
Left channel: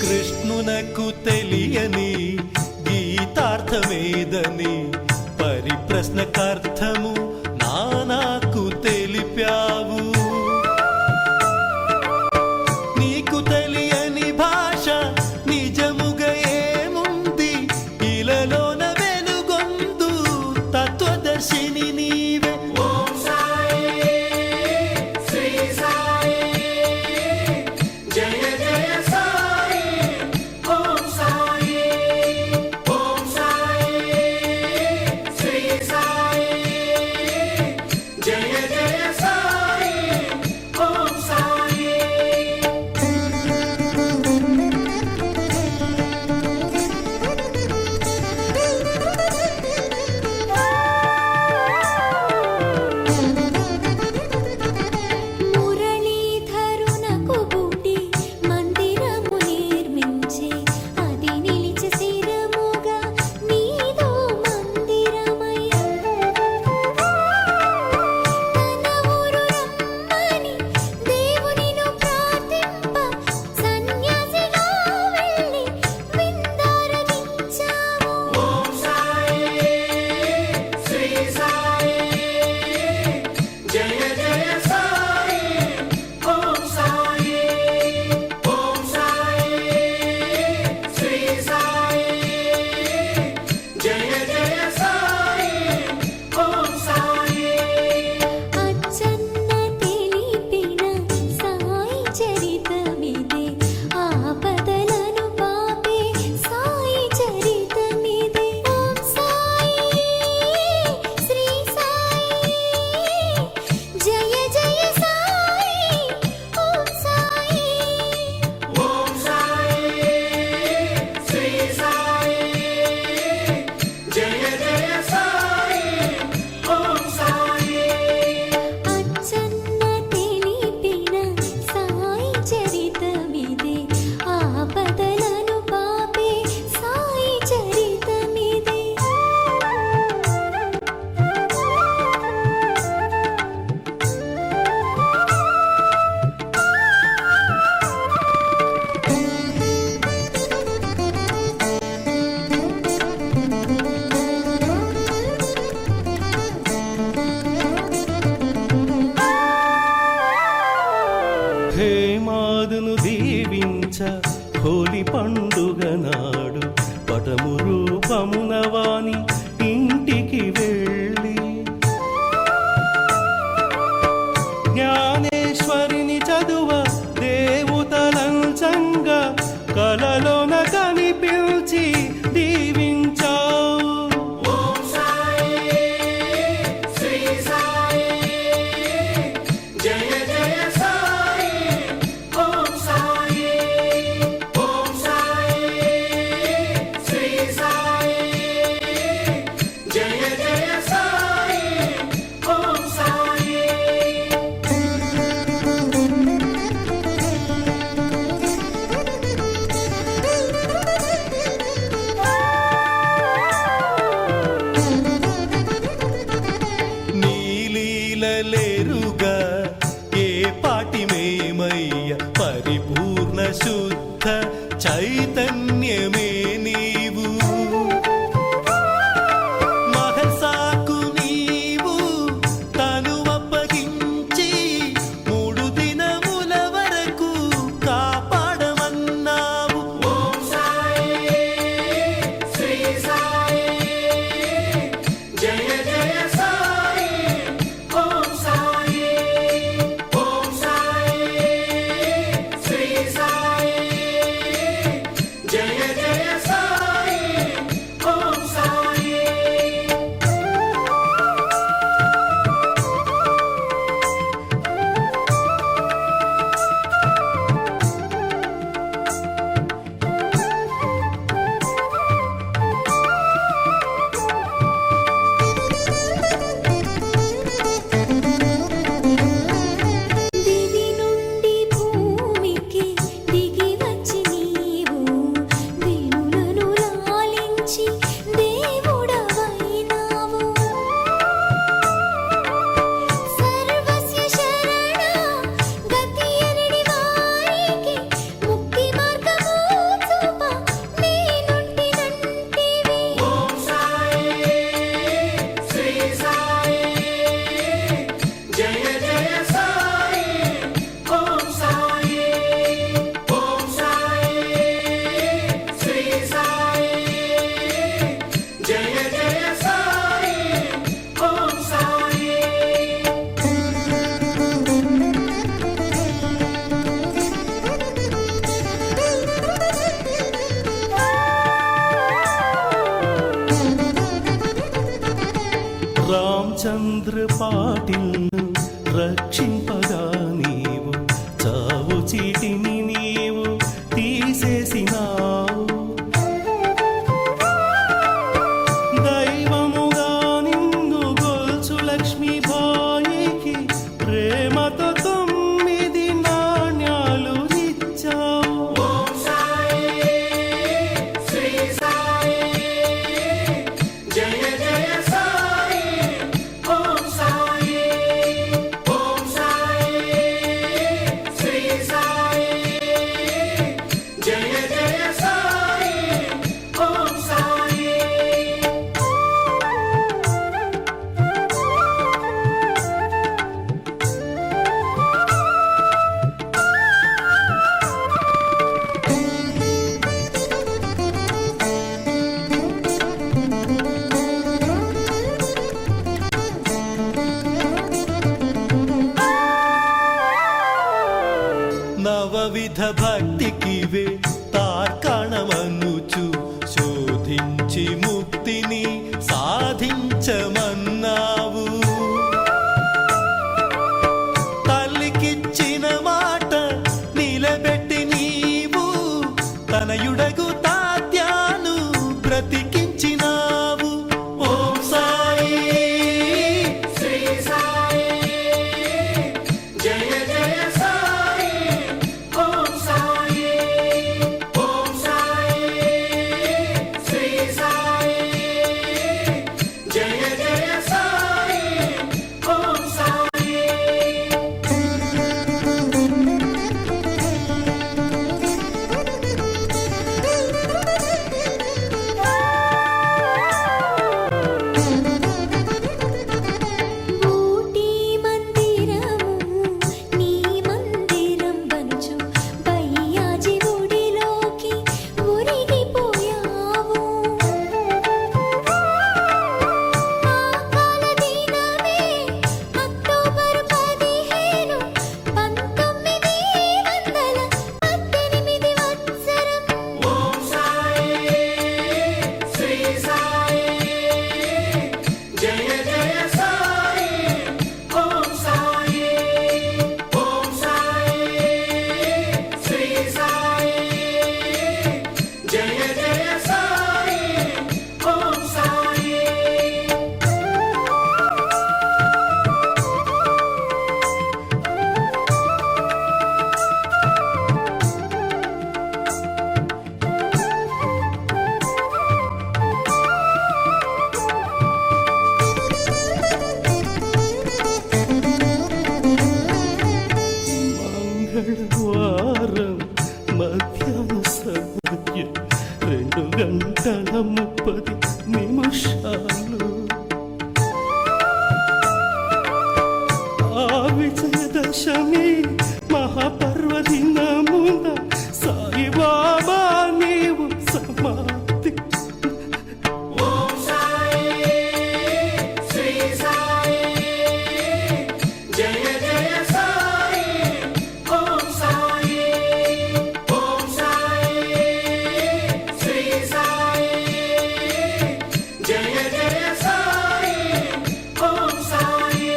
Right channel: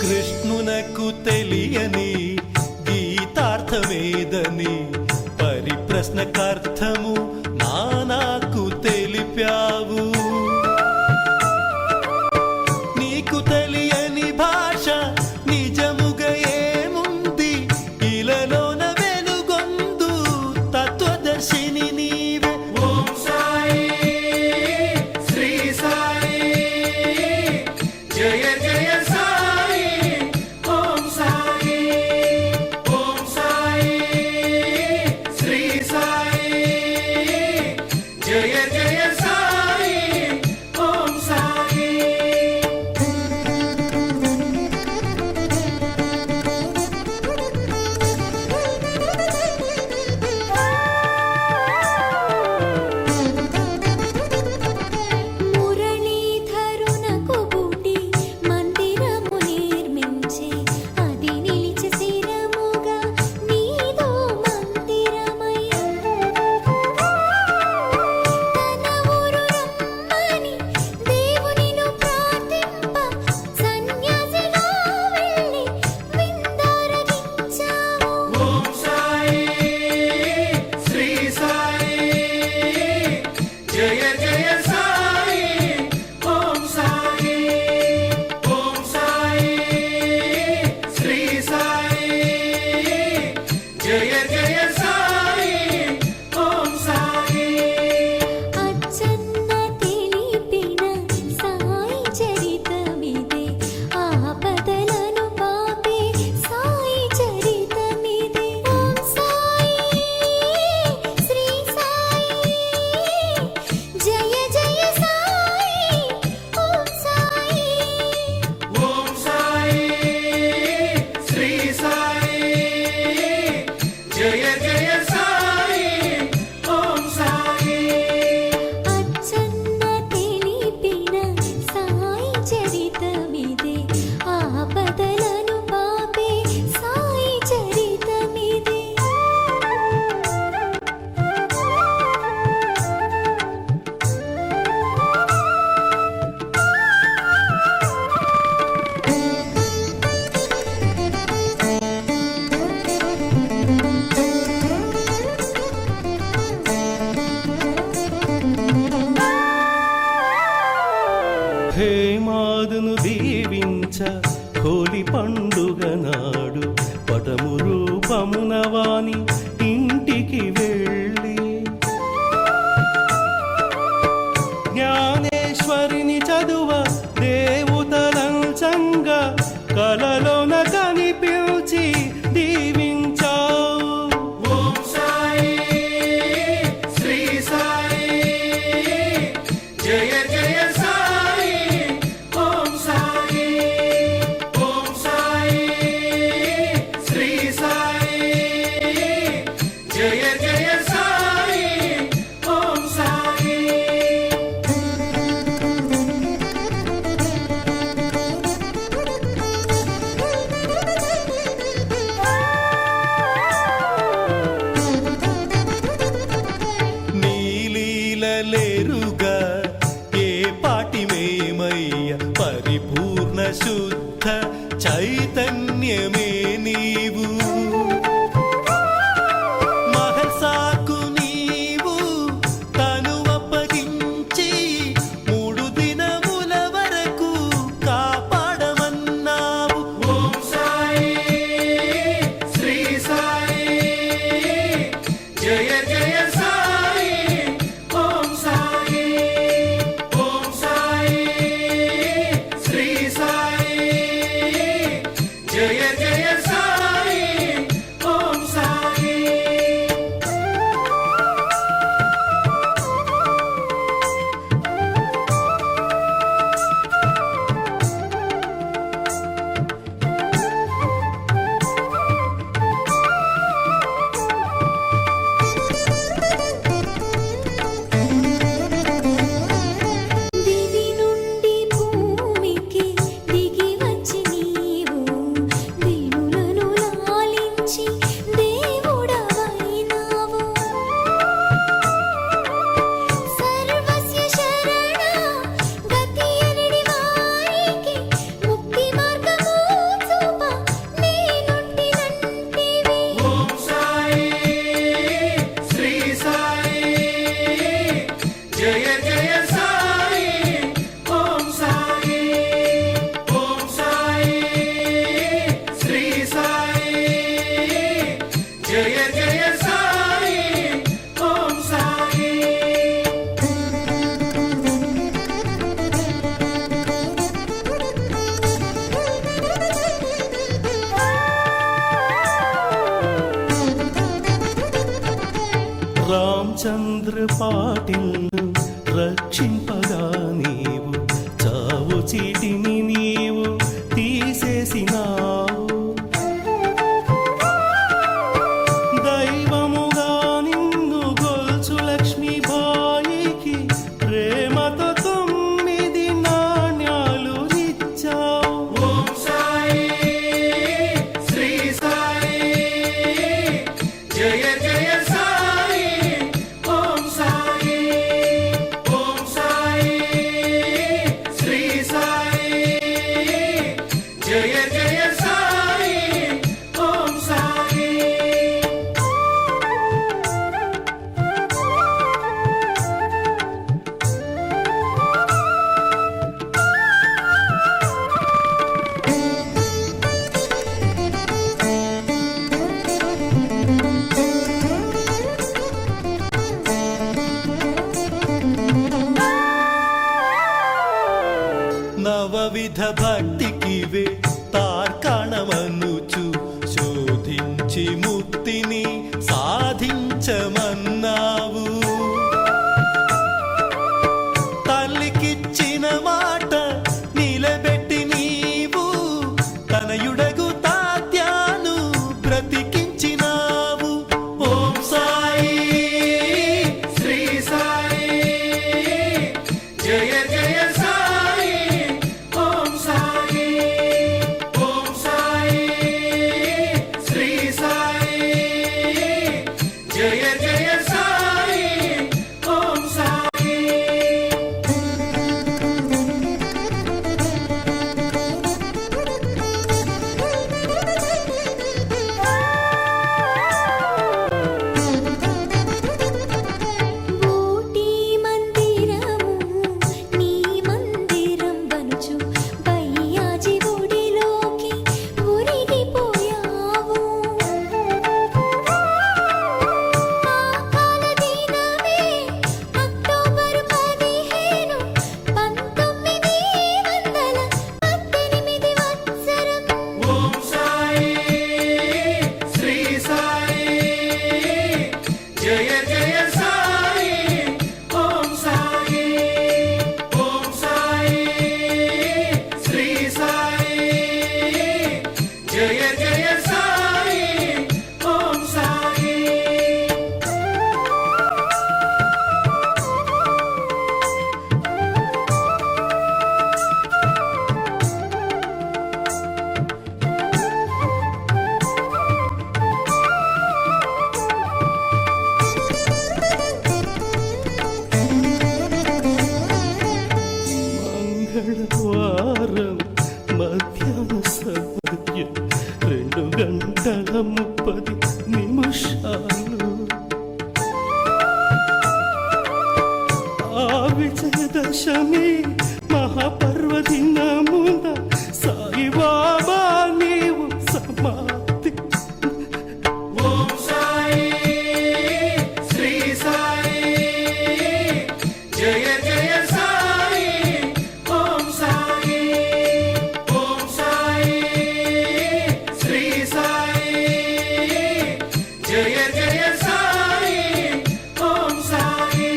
కృష్ణునకు తెలియని గీతార్థమేదని పరిప్రశ్నకార్థము నానాకు తెలిపావు నీకు తెలియని భాష నిజముగా ఏముంది ఇలలోన వెలుగొందు తత్వదర్శిని నీవే ఓం సాయి శ్రీ సాయి జయ జయ సాయి ఓం సాయి ఓం సాయి శ్రీ సాయి జయ జయ సాయి ఓం సాయి మురళీధరునకు బుడి మందిరము నిర్మించి అది నిలిచి స్థిరముగా నీదో మందిరమై తన ఊరు రమ్మని దేవునిను ప్రార్థింప సన్యాసిగా వెళ్ళి విందారగించావు ఓం సాయి శ్రీ సాయి జయ జయ సాయి ఓం సాయి ఓం సాయి శ్రీ సాయి జయ జయ సాయి ఓం సాయి అచ్చన్న తెలిపిన సాయి చరితమిదే ఆపదలను పాపే సాయి చరితమిదే ఓం సాయి శ్రీ సాయి జయ జయ సాయి ఓం సాయి ఓం సాయి శ్రీ సాయి జయ జయ సాయి ఓం సాయి అచ్చన్న తెలిపిన సాయి చరితమిదే ఆపదలను పాపే సాయి చరితమిదే హేమాదును దీవించ హోలీ పండుగ నాడు పటము రూపమున వాని ఇంటికి వెళ్ళి జ్ఞానేశ్వరిని చదువ దేవతలంచంగా కలలోన కనిపించి దీవించావు ఓం సాయి శ్రీ సాయి జయ జయ సాయి ఓం సాయి ఓం సాయి శ్రీ సాయి జయ జయ సాయి ఓం సాయి నీలీలలేరుగా ఏ పాటి మేమయ్య పరిపూర్ణ శుద్ధ చైతన్యమే నీవు మహర్సాకు నీవు తను అప్పగించి 3 దినముల వరకు చంద్రపాటిల్ను రక్షింపగా నీవు చావు చీటిని నీవు తీసేసినావు. దైవముగా నిన్ను గొల్చు లక్ష్మీబాయికి ప్రేమతో 9 నాణ్యాలు ఇచ్చావు. ఓం సాయి శ్రీ సాయి జయ జయ సాయి ఓం సాయి ఓం సాయి శ్రీ సాయి జయ జయ సాయి ఓం సాయి. నవవిధ భక్తికివే తార్కాణమనుచు శోధించి ముక్తిని సాధించమన్నావు. తల్లికిచ్చిన మాట నిలబెట్టి నీవు తనయుడగు తాత్యాను బ్రతికించినావు. ఓం సాయి శ్రీ సాయి జయ జయ సాయి ఓం సాయి ఓం సాయి శ్రీ సాయి జయ జయ సాయి ఓం సాయి. ఊటీ మందిరము నీ మందిరం వనుచు బయ్యాజి గుడిలోకి ఉరిగిపోయావు. ఆ కాల దినమే అక్టోబరు 15, 1918 వత్సరం. ఓం సాయి శ్రీ సాయి జయ జయ సాయి ఓం సాయి ఓం సాయి శ్రీ సాయి జయ జయ సాయి ఓం సాయి. మంగళవారం మధ్యాహ్న సమయం 2:30 ఆ విజయదశమి మహాపర్వదినమున సాయిబాబా నీవు సమాప్తి. ఓం సాయి శ్రీ సాయి జయ జయ సాయి ఓం సాయి ఓం సాయి శ్రీ సాయి జయ జయ సాయి ఓం సాయి.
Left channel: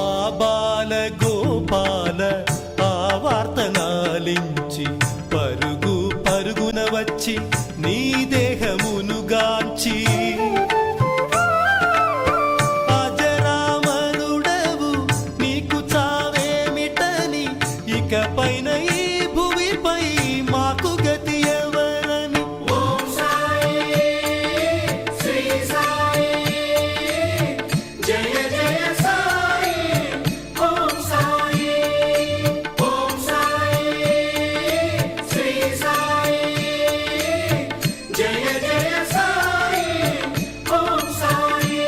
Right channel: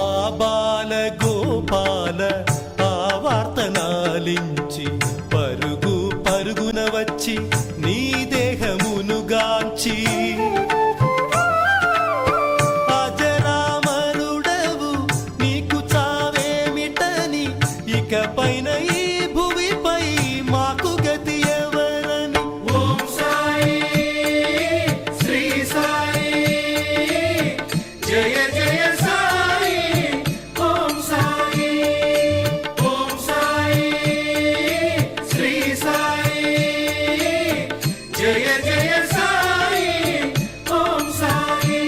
ఆ బాల గోపాల ఆ వార్తనాలించి పరుగు పరుగున వచ్చి నీ దేహమును గాంచి అజరామరుడవు నీకు చావేమిటని ఇకపైన ఈ భువిపై మాకు గతి ఎవరని. ఓం సాయి శ్రీ సాయి జయ జయ సాయి ఓం సాయి ఓం సాయి శ్రీ సాయి జయ జయ సాయి ఓం సాయి.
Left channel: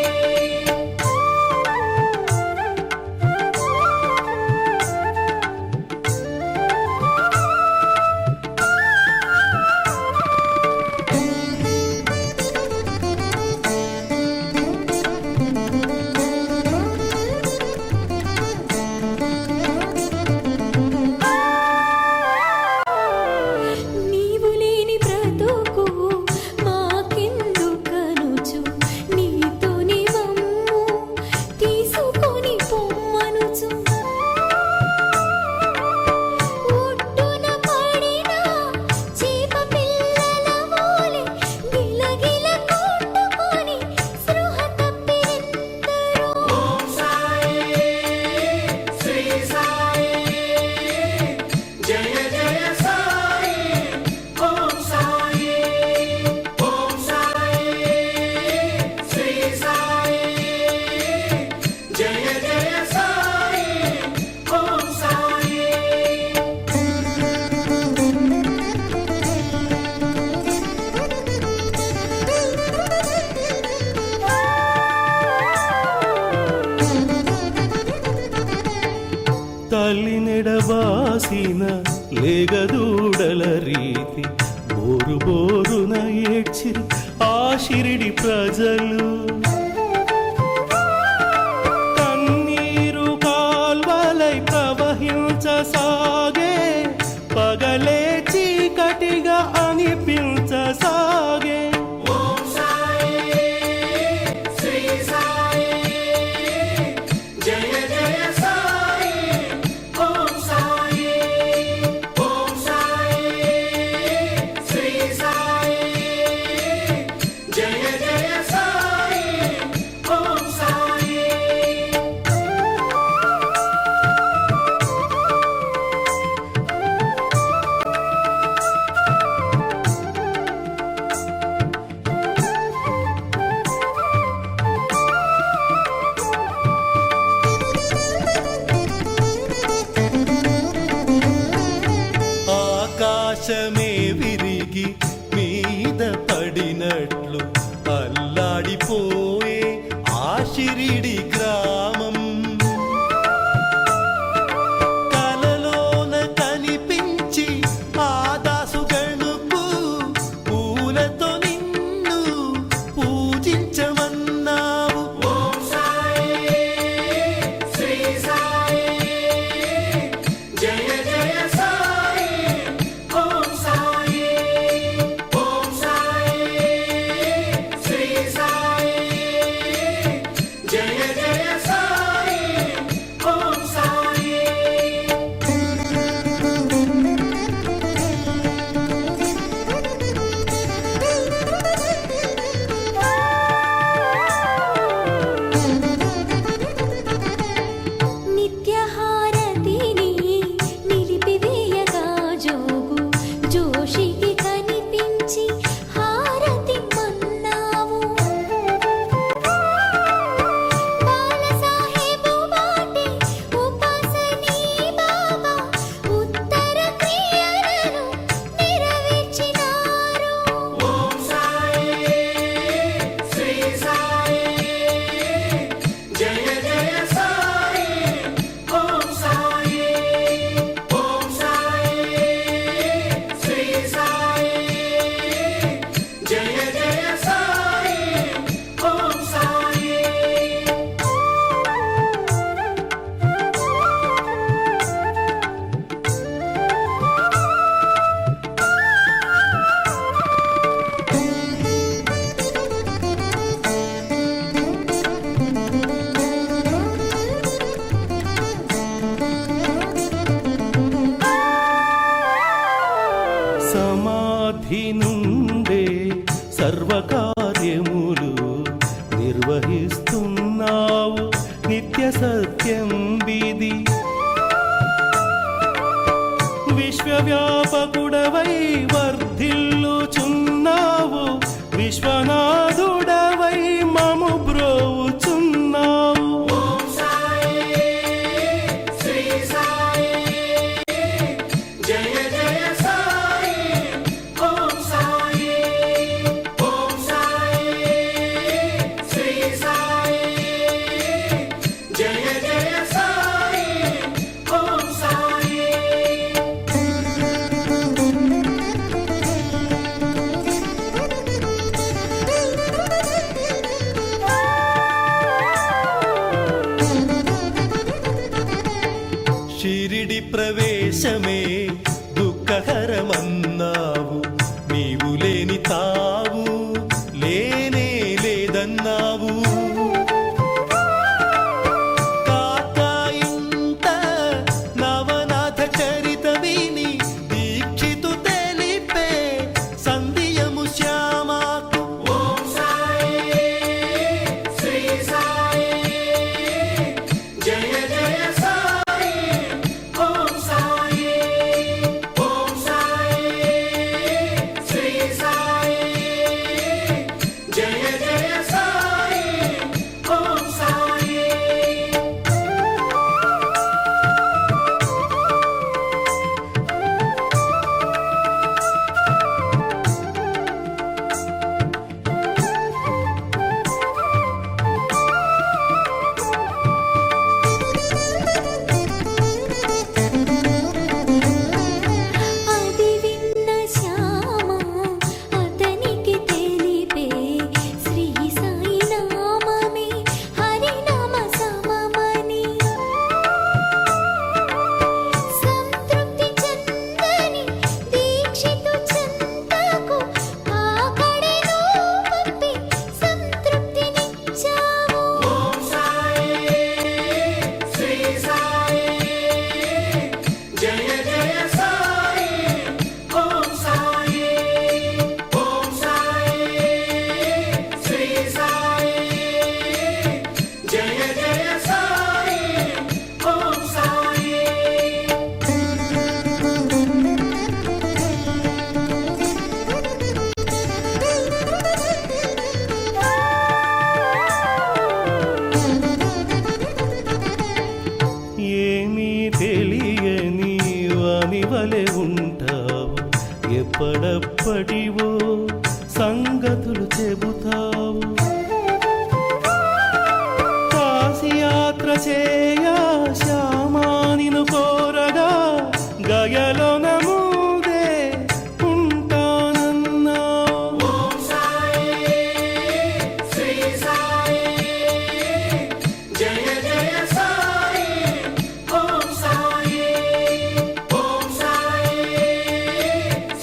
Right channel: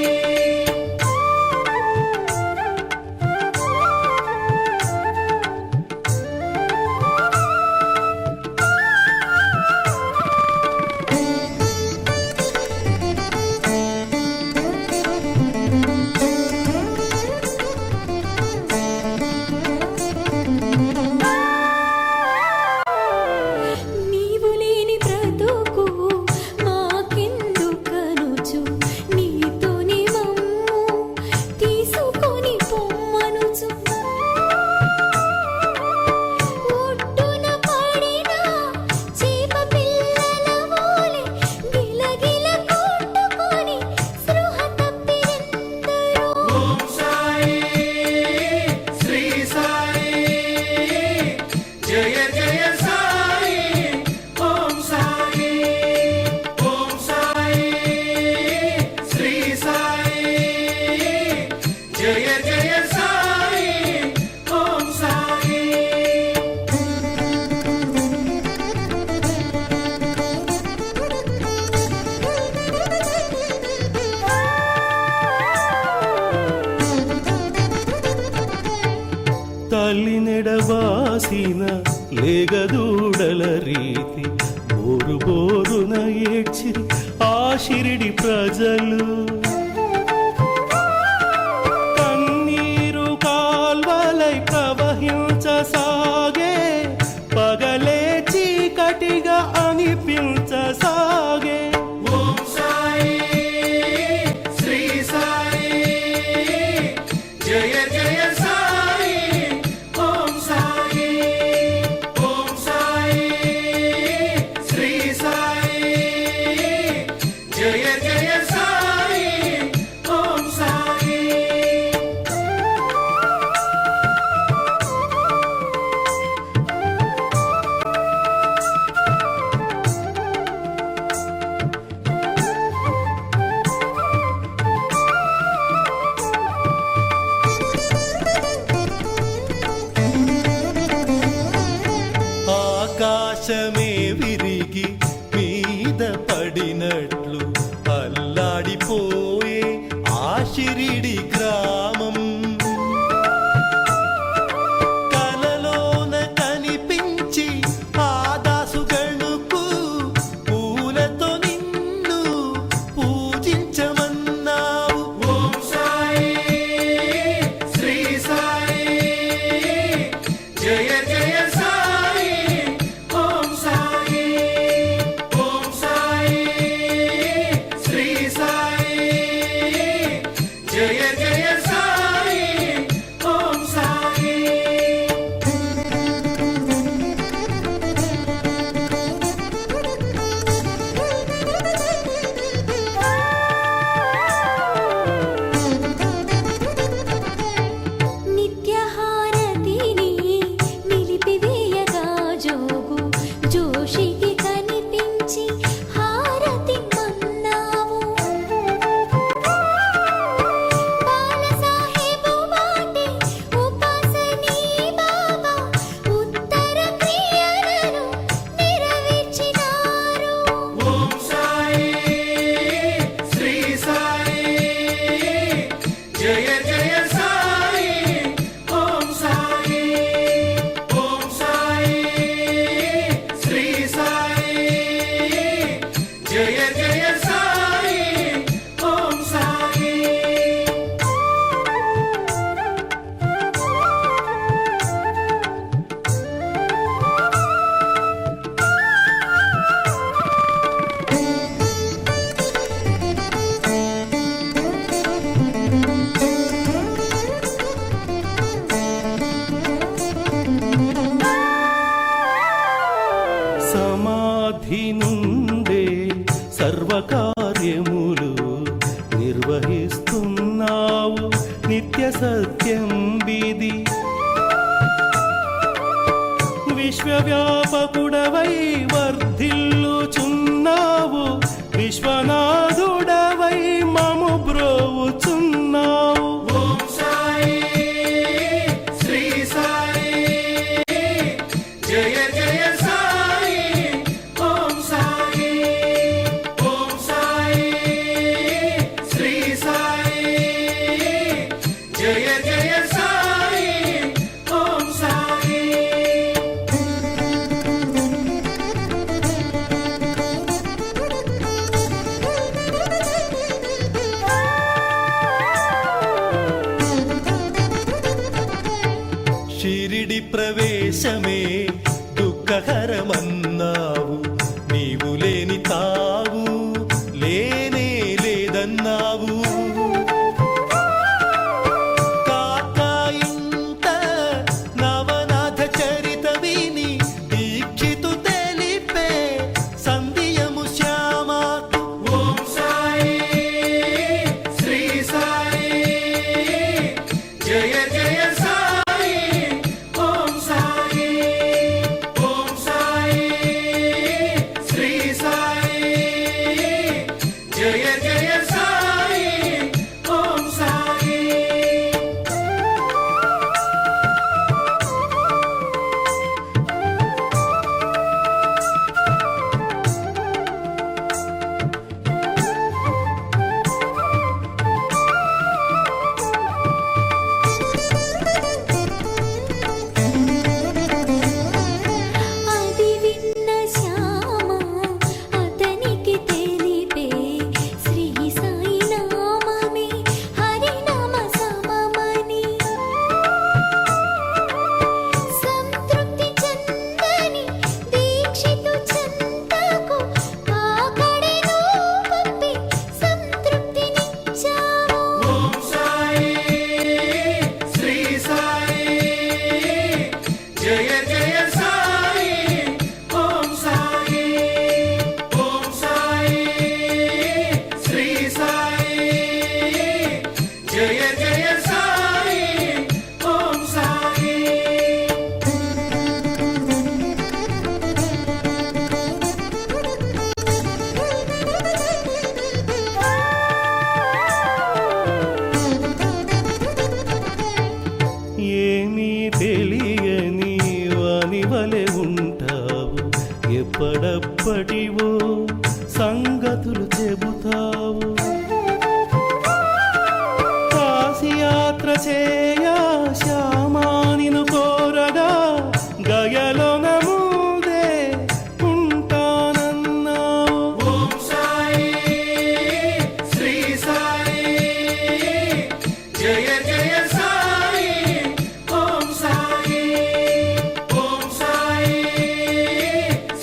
జయ జయ సాయి ఓం సాయి ఓం సాయి శ్రీ సాయి జయ జయ సాయి ఓం సాయి తల్లి నెడబాసిన లేగదూడల రీతి బోరు బోరున ఏడ్చిరి ఆ షిరిడి ప్రజలు కన్నీరు కాల్వలై ప్రవహించసాగే పగలే చీకటిగా అనిపించసాగే ఓం సాయి శ్రీ సాయి జయ జయ సాయి ఓం సాయి ఓం సాయి శ్రీ సాయి జయ జయ సాయి ఓం సాయి ఆకాశమే విరిగి మీద పడినట్లు అల్లాడిపోయే ఆ షిరిడి గ్రామం కలలోన కనిపించి ఆ దాసుగణుకు పూలతో నిన్ను పూజించమన్నావు ఓం సాయి శ్రీ సాయి జయ జయ సాయి ఓం సాయి ఓం సాయి శ్రీ సాయి జయ జయ సాయి ఓం సాయి నిత్యహారతిని నిలిపివేయగా జోగు జోషికి కనిపించి హారతి మన్నావు బాలసాహెబు వాటి ఉపాసనీ బాబా ఉత్తర క్రియలను నెరవేర్చినారు ఓం సాయి శ్రీ సాయి జయ జయ సాయి ఓం సాయి ఓం సాయి శ్రీ సాయి జయ జయ సాయి ఓం సాయి సమాధి నుండే సర్వకార్యములు నిర్వహిస్తున్నావు నిత్య సత్యం విధి విశ్వవ్యాపకుడవై వర్ధిల్లుచున్నావు విశ్వనాథుడవై మము బ్రోవుచున్నావు ఓం సాయి శ్రీ సాయి జయ జయ సాయి ఓం సాయి ఓం సాయి శ్రీ సాయి జయ జయ సాయి ఓం సాయి షిరిడి ప్రవేశమే దుఃఖహరమన్నావు నీవు లేని తావు లేనే లేదన్నావు కాకా ఇంట నవనాథ చరిత విని దీక్షితు తెలిపే సంధియము శ్యామాకు ఓం సాయి శ్రీ సాయి జయ జయ సాయి ఓం సాయి రాని వలె ఉంటావు, ఎప్పడప్పటివో సంగతులు చెబుతావు. కాశీయాత్ర చేయా శ్యామానిను కోరగా గయలోన ముందే ఉంటానన్నావు. ఓం సాయి శ్రీ సాయి జయ జయ సాయి ఓం సాయి ఓం సాయి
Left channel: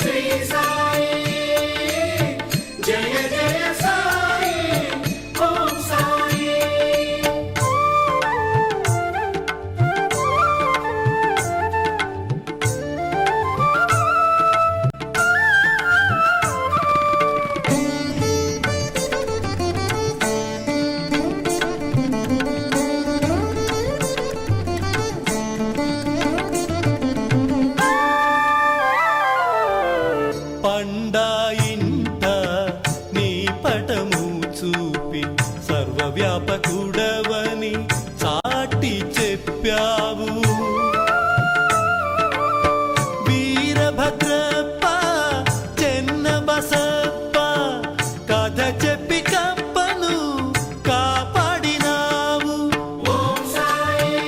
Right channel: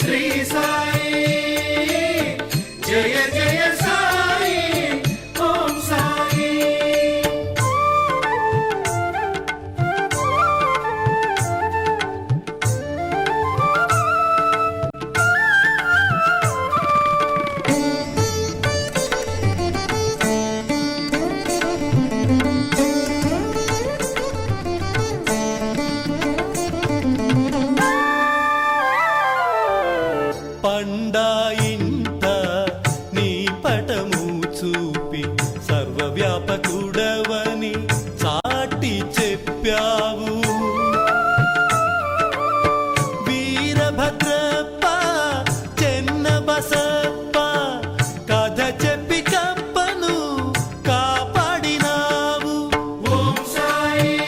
శ్రీ సాయి జయ జయ సాయి ఓం సాయి. పండాయింట నీ పటము చూపి సర్వవ్యాపకుడవని చాటి చెప్పావు. వీరభద్రప్ప చెన్న బసప్ప కథ చెప్పి కప్పను కాపాడినావు. ఓం సాయి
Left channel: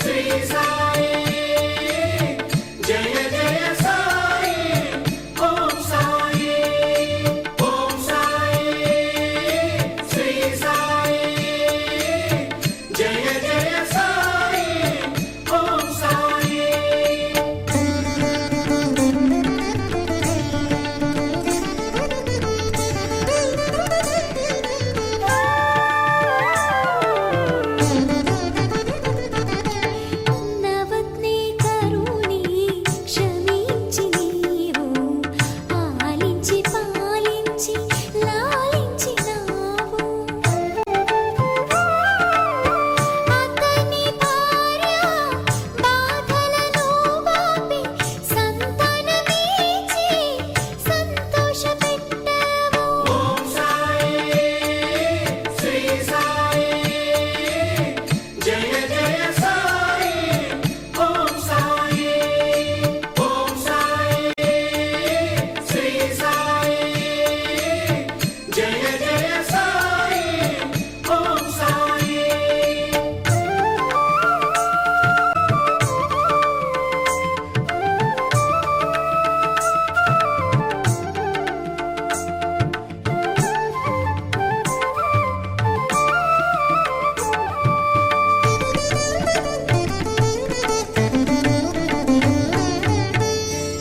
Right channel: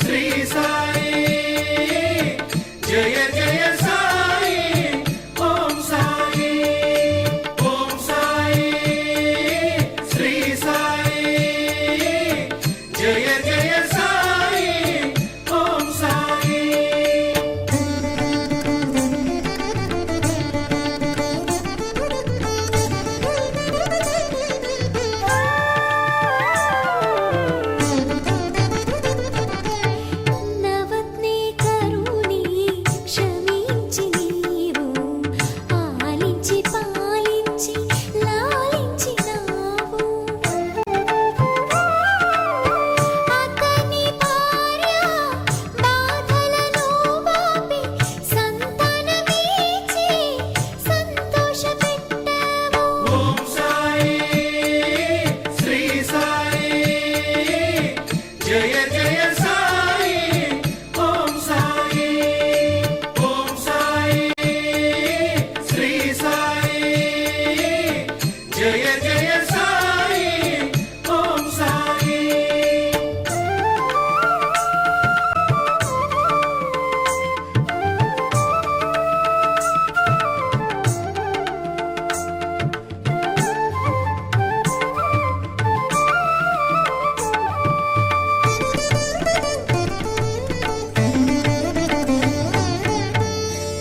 శ్రీ సాయి జయ జయ సాయి ఓం సాయి ఓం సాయి శ్రీ సాయి జయ జయ సాయి ఓం సాయి. నవత్నే కరుణి క్షమించి నీవు ఆలించి పాలించి లాలించినావు. అతని భార్య బాధలను బాపి సంతానమిచ్చి సంతోషపెట్టావు. ఓం సాయి శ్రీ సాయి జయ జయ సాయి ఓం సాయి ఓం సాయి శ్రీ సాయి జయ జయ సాయి ఓం సాయి.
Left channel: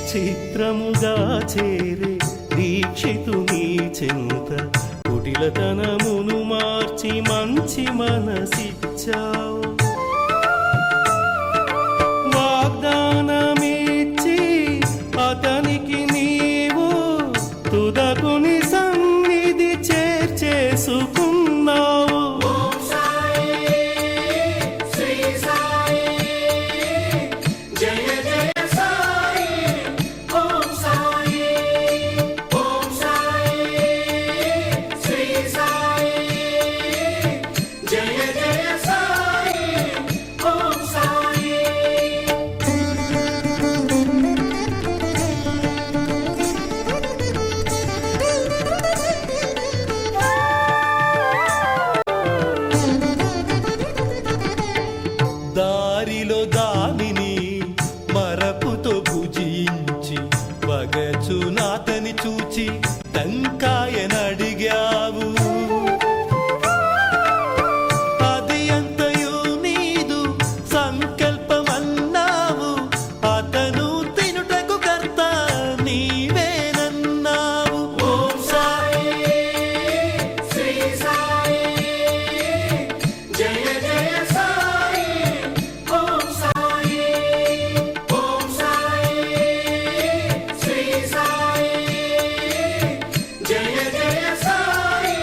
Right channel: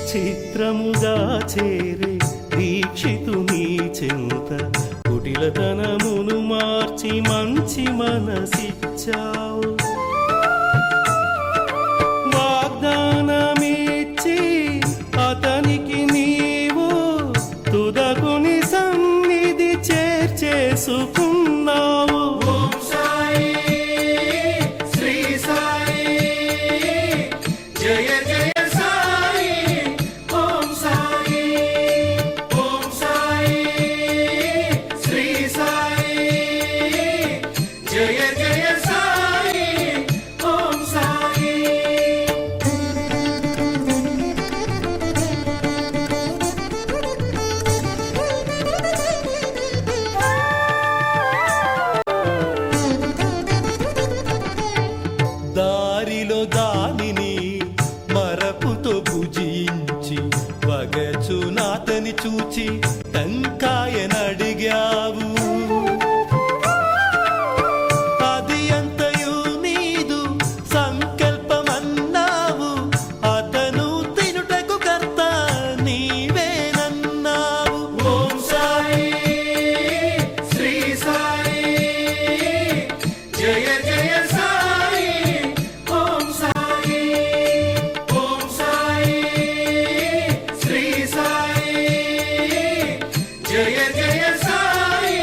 చిత్రముగా చేరే దీక్షితుని చెంత కుటిలతనమును మార్చి మంచి మనసిచ్చావు. వాగ్దానమిచ్చి అతనికి నీవు తుదకుని సన్నిధి చేర్చేసుకున్నావు. ఓం సాయి శ్రీ సాయి జయ జయ సాయి ఓం సాయి ఓం సాయి శ్రీ సాయి జయ జయ సాయి ఓం సాయి. దారిలో దానిని మరపుతో భుజించి వగచునాతని చూచి టంకాయనడిగావు. అది అంతయు నీదు సంకల్పమన్నావు. అతను తినుటకు కర్త నీవేనన్నావు. ఓం సాయి శ్రీ సాయి జయ జయ సాయి ఓం సాయి ఓం సాయి శ్రీ సాయి జయ జయ సాయి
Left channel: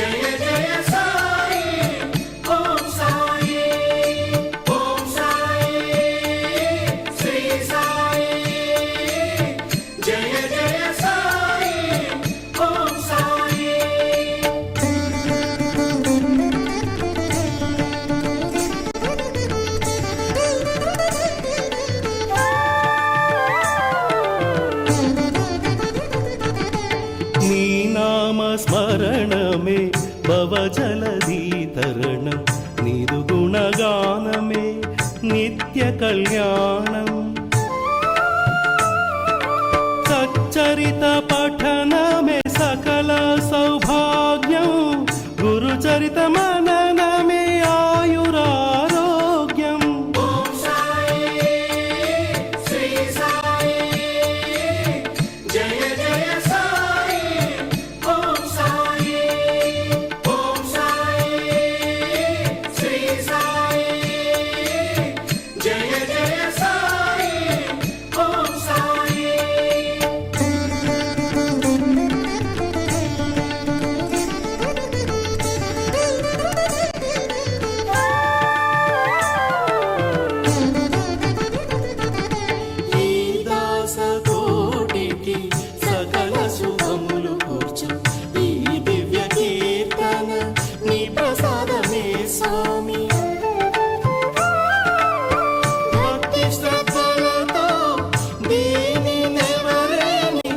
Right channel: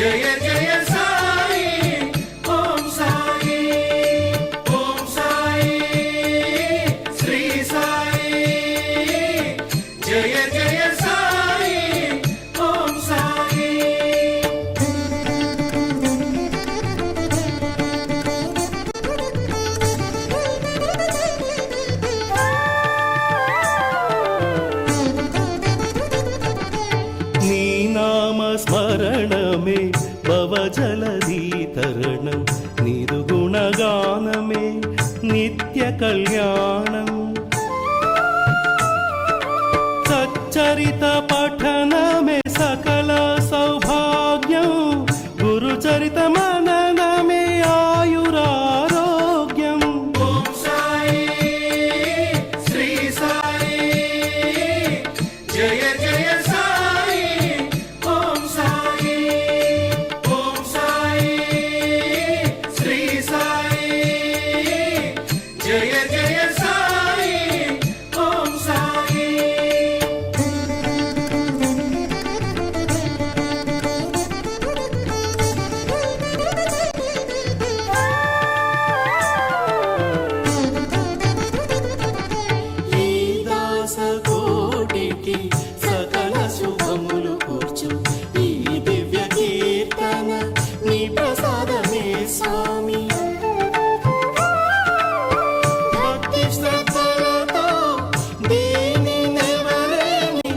జయ జయ సాయి ఓం సాయి ఓం సాయి శ్రీ సాయి జయ జయ సాయి ఓం సాయి నీ నామ స్మరణమే భవజలధీ తరణం నీదు గుణగానమే నిత్య కళ్యాణం సచ్చరిత పఠనమే సకల సౌభాగ్యం గురుచరిత మననమే ఆయురారోగ్యం ఓం సాయి శ్రీ సాయి జయ జయ సాయి ఓం సాయి ఓం సాయి శ్రీ సాయి జయ జయ సాయి ఓం సాయి ఈ దాస కోటికి సకల శుభములు కూర్చు ఈ దివ్య కీర్తన నీ ప్రసాదమే స్వామి భక్తి శ్రద్ధలతో దీని నెవరేని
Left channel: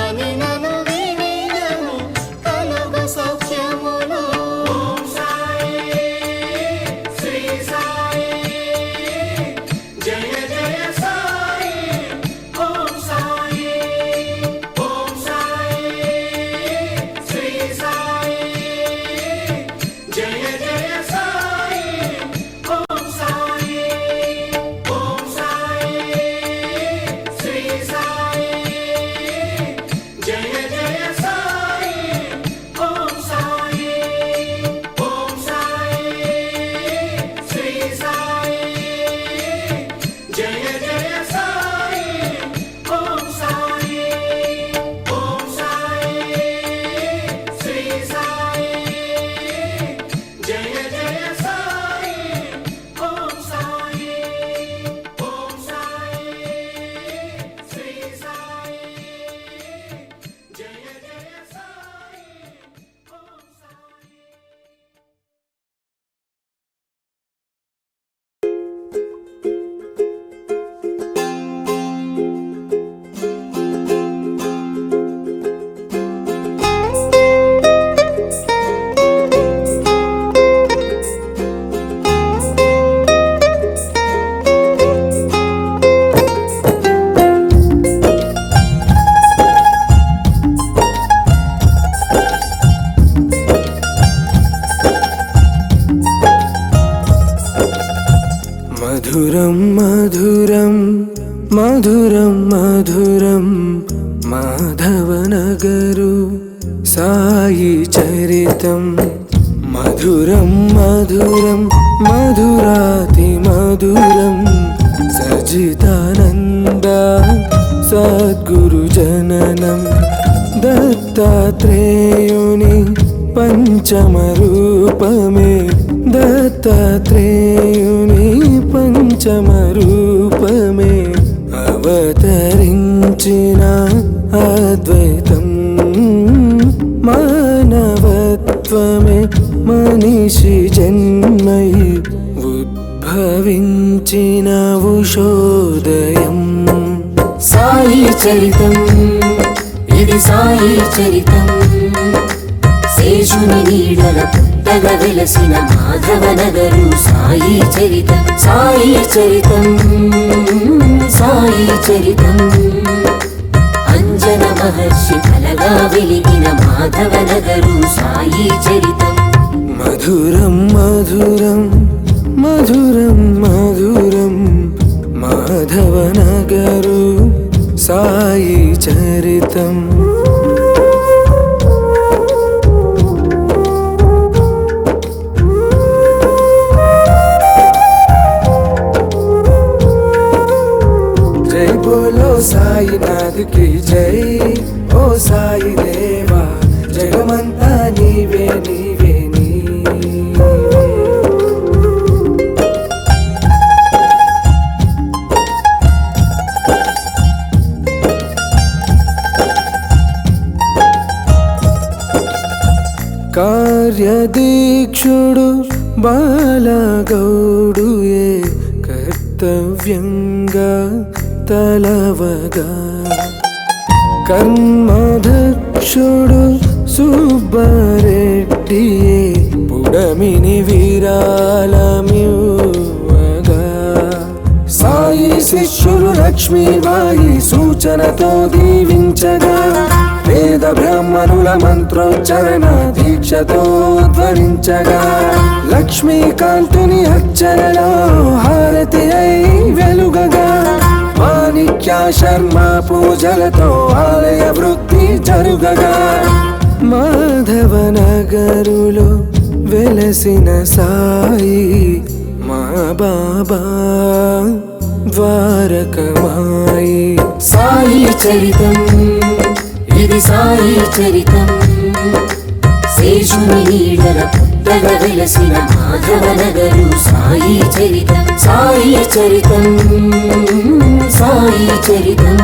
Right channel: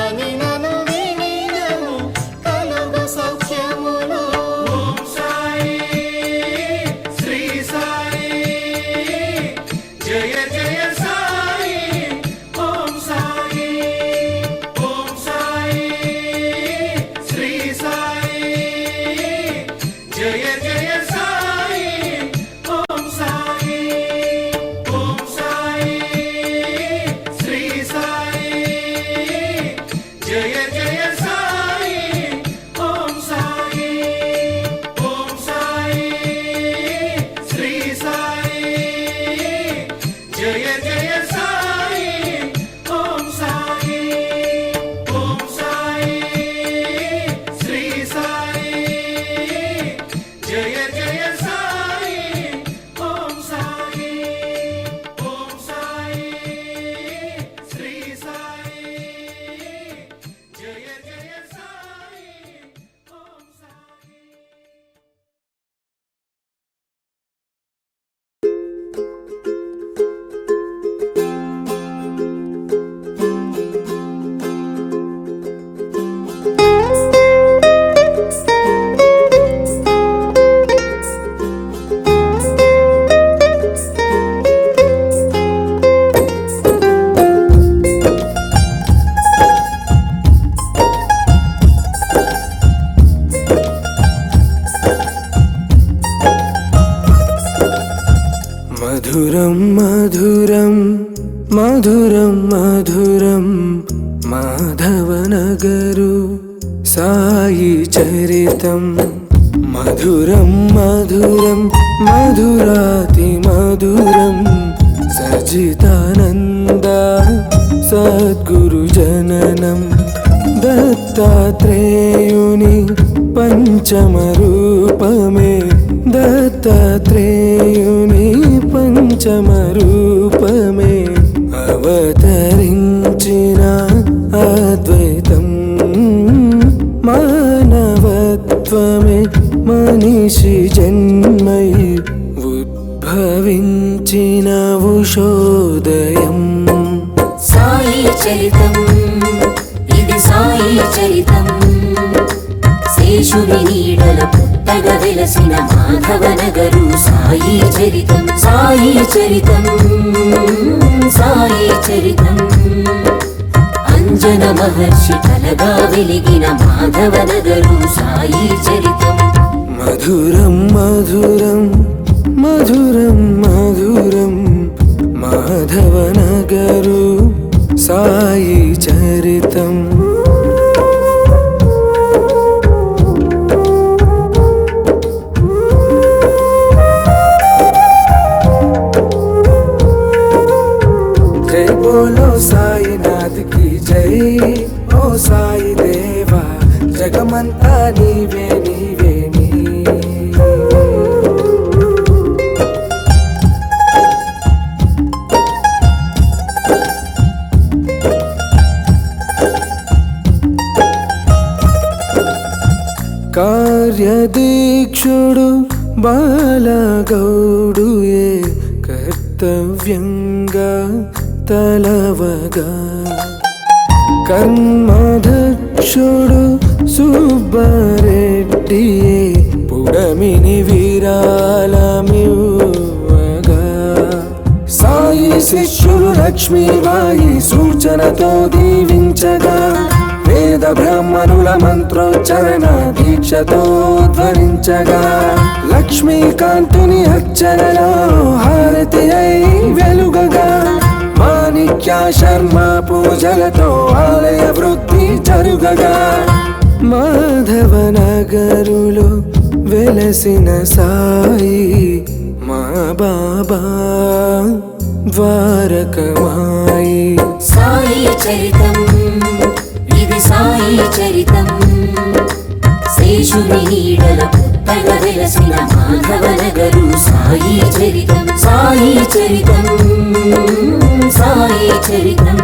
అని నన్ను వినియను కలుగు సౌఖ్యములు ఓం సాయి శ్రీ సాయి జయ జయ సాయి ఓం సాయి ఓం సాయి శ్రీ సాయి జయ జయ సాయి ఓం సాయి ఓం సాయి శ్రీ సాయి జయ జయ సాయి ఓం సాయి ఓం సాయి శ్రీ సాయి జయ జయ సాయి ఓం సాయి ఓం సాయి శ్రీ సాయి జయ జయ సాయి ఓం సాయి ఓం సాయి శ్రీ సాయి జయ జయ సాయి ఓం సాయి మధురం మధురం మధురం మధురం మాధవనగరు సాయి చరితం మధురం మధురం మధురాతి మధురం సజితానంద సద్గురు జననం దత్తాత్రేయుని పంచమ రూపమే దత్తాత్రేయుని పంచమ రూపమే అవతరించిన అద్వైతం మానవత్వమే మనిషి జన్మై ఉద్భవించిన ఉషోదయం సాయి చరితం ఇది సాయి చరితం శేషుని నీడల పుట్టగ వెలసిన మాధవనగరు సాయి చరితం సాయి చరితం సాయి చరితం అంజన మహర్షి కలగా వెలిగిన మాధవనగరు సాయి చరితం మధురం మధురం మధురం మధురం మాధవనగరు సాయి చరితం జై బోలో సాయినాథ్ కి జై ఓ సాయి దేవా జగమంతా నీవే నీవే కార్యదీక్షుడు బాలగౌడుయే కర్తవ్యంగా తలవగా కర్మదక్షుడు సుబ్బారెడ్డియే పుడమిని విరాళమివ్వగా సాయి శిష్యులు లక్ష్మీబాయి సూచనతో దీవించగా వేద బ్రాహ్మణుల మంత్రోచ్చరణ దీక్షతో ధ్వనించగా లక్ష్మీకాంతుని అర్చనలో హారతి అయి వెలుగగా మాణిక్య శర్మ పూజలతో ఆలయ వృద్ధి జరుగగా మాధవనగరులో వెలసిన సాయి మా బాబా ద్వారకమాయి సాయి చరితం ఇది సాయి చరితం శేషుని నీడల పుట్టగ వెలసిన మాధవనగరు సాయి చరితం సాయి చరితం సాయి చరితం